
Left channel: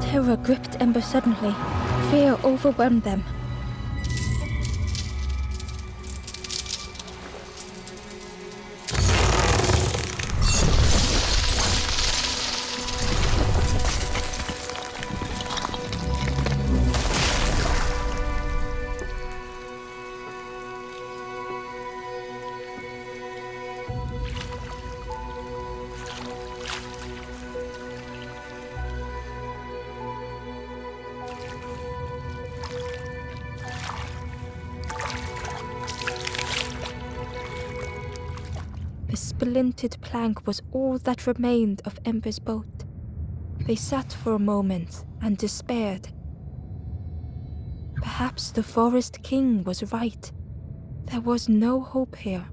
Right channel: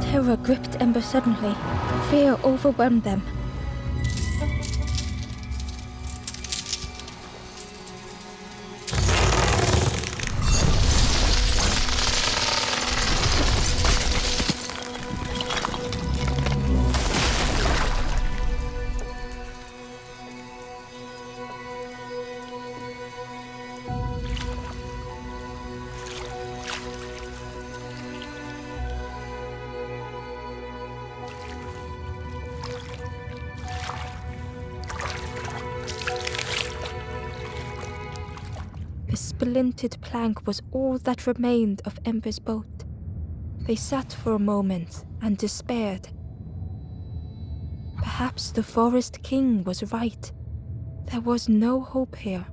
Terror gripped Ember suddenly. Fear overwhelmed them. The splintered plank was all that remained of Ember's boat. They sat for a moment and despaired. Perhaps the Forest King was right. There was no hope here.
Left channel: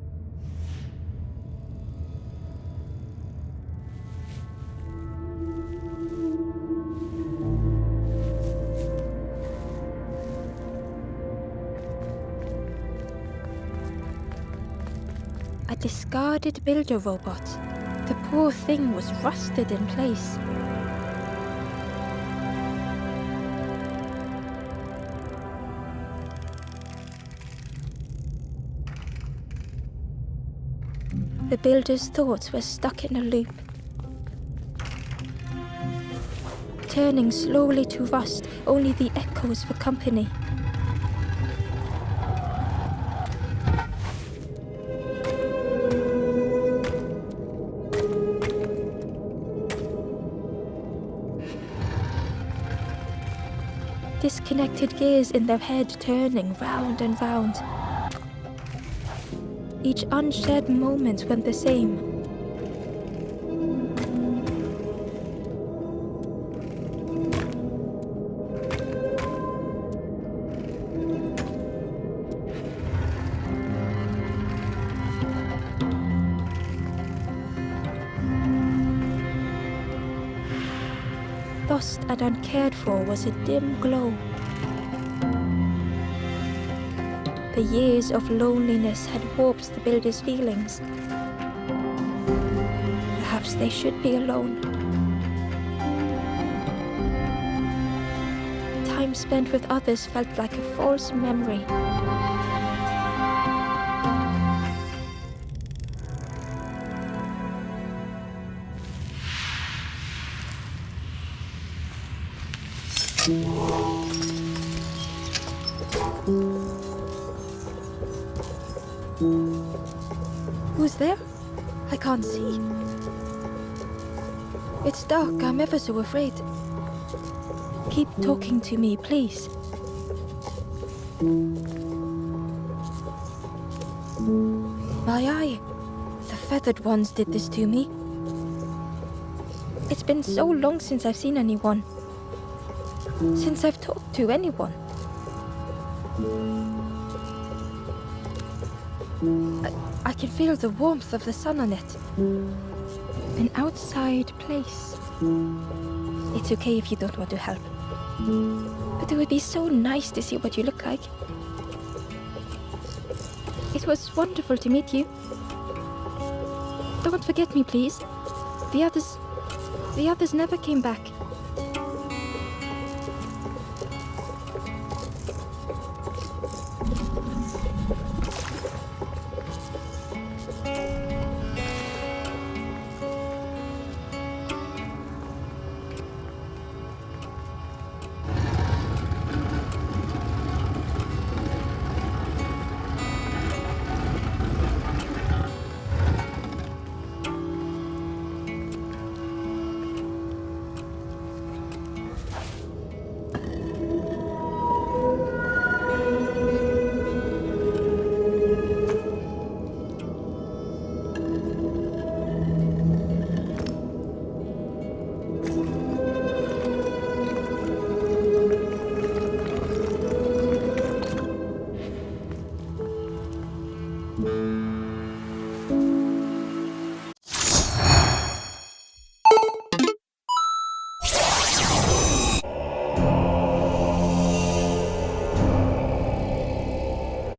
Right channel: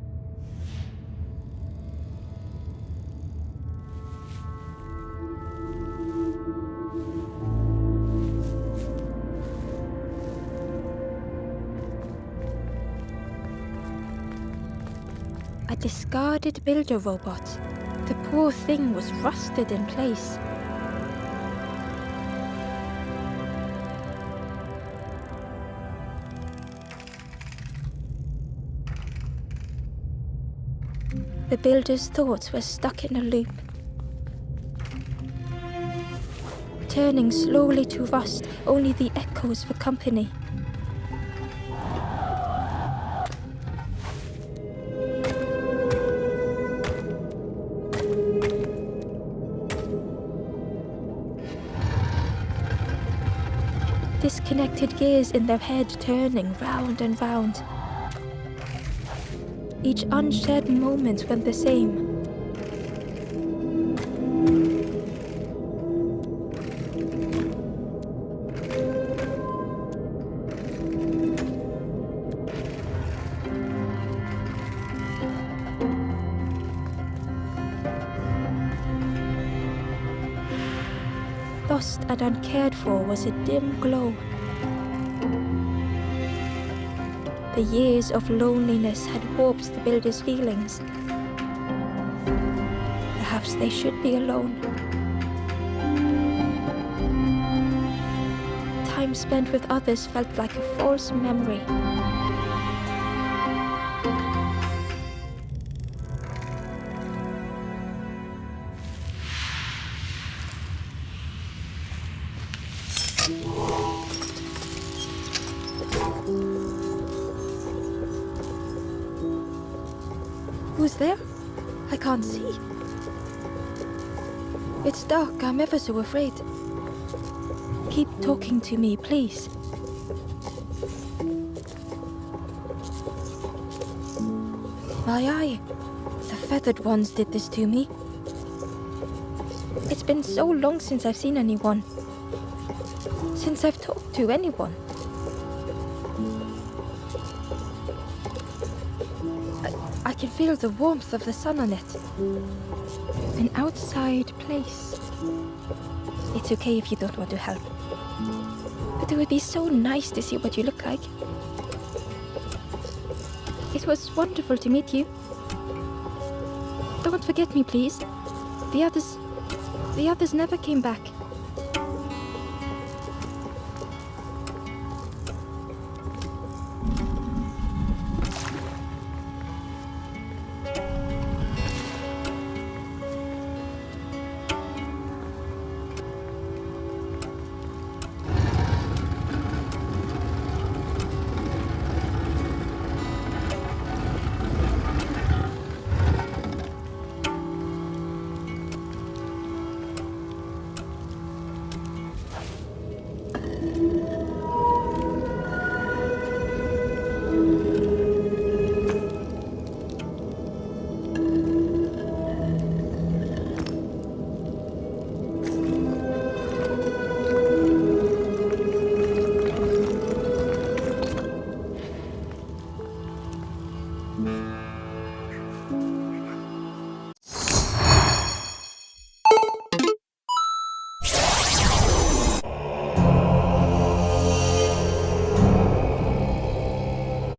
A discarded builder robot. The poor thing was rusted in place. The builder's thoughts were stuck in a loop, turning slowly to rust, only the echoes for company. Disconnected gears in their head turning round and round. Each unshared moment went the same. Lost and uncared for was a dim glow. The years of loneliness had warped the builder's feelings. Perhaps they should be alone. Time spent with others felt like a false memory. Who's there? I can't see. It's dark, I'm ever so afraid. Keep talking to me, please. My eye. The feathered ones did this to me. It's been so long since I've seen anyone. since I've talked to anyone. I can feel the warmth of the sun on it. An outside place. It's okay if you don't want to help. But it would be so nice to see what you look like. It was wonderful to meet you. Don't forget me, please. The others never came back.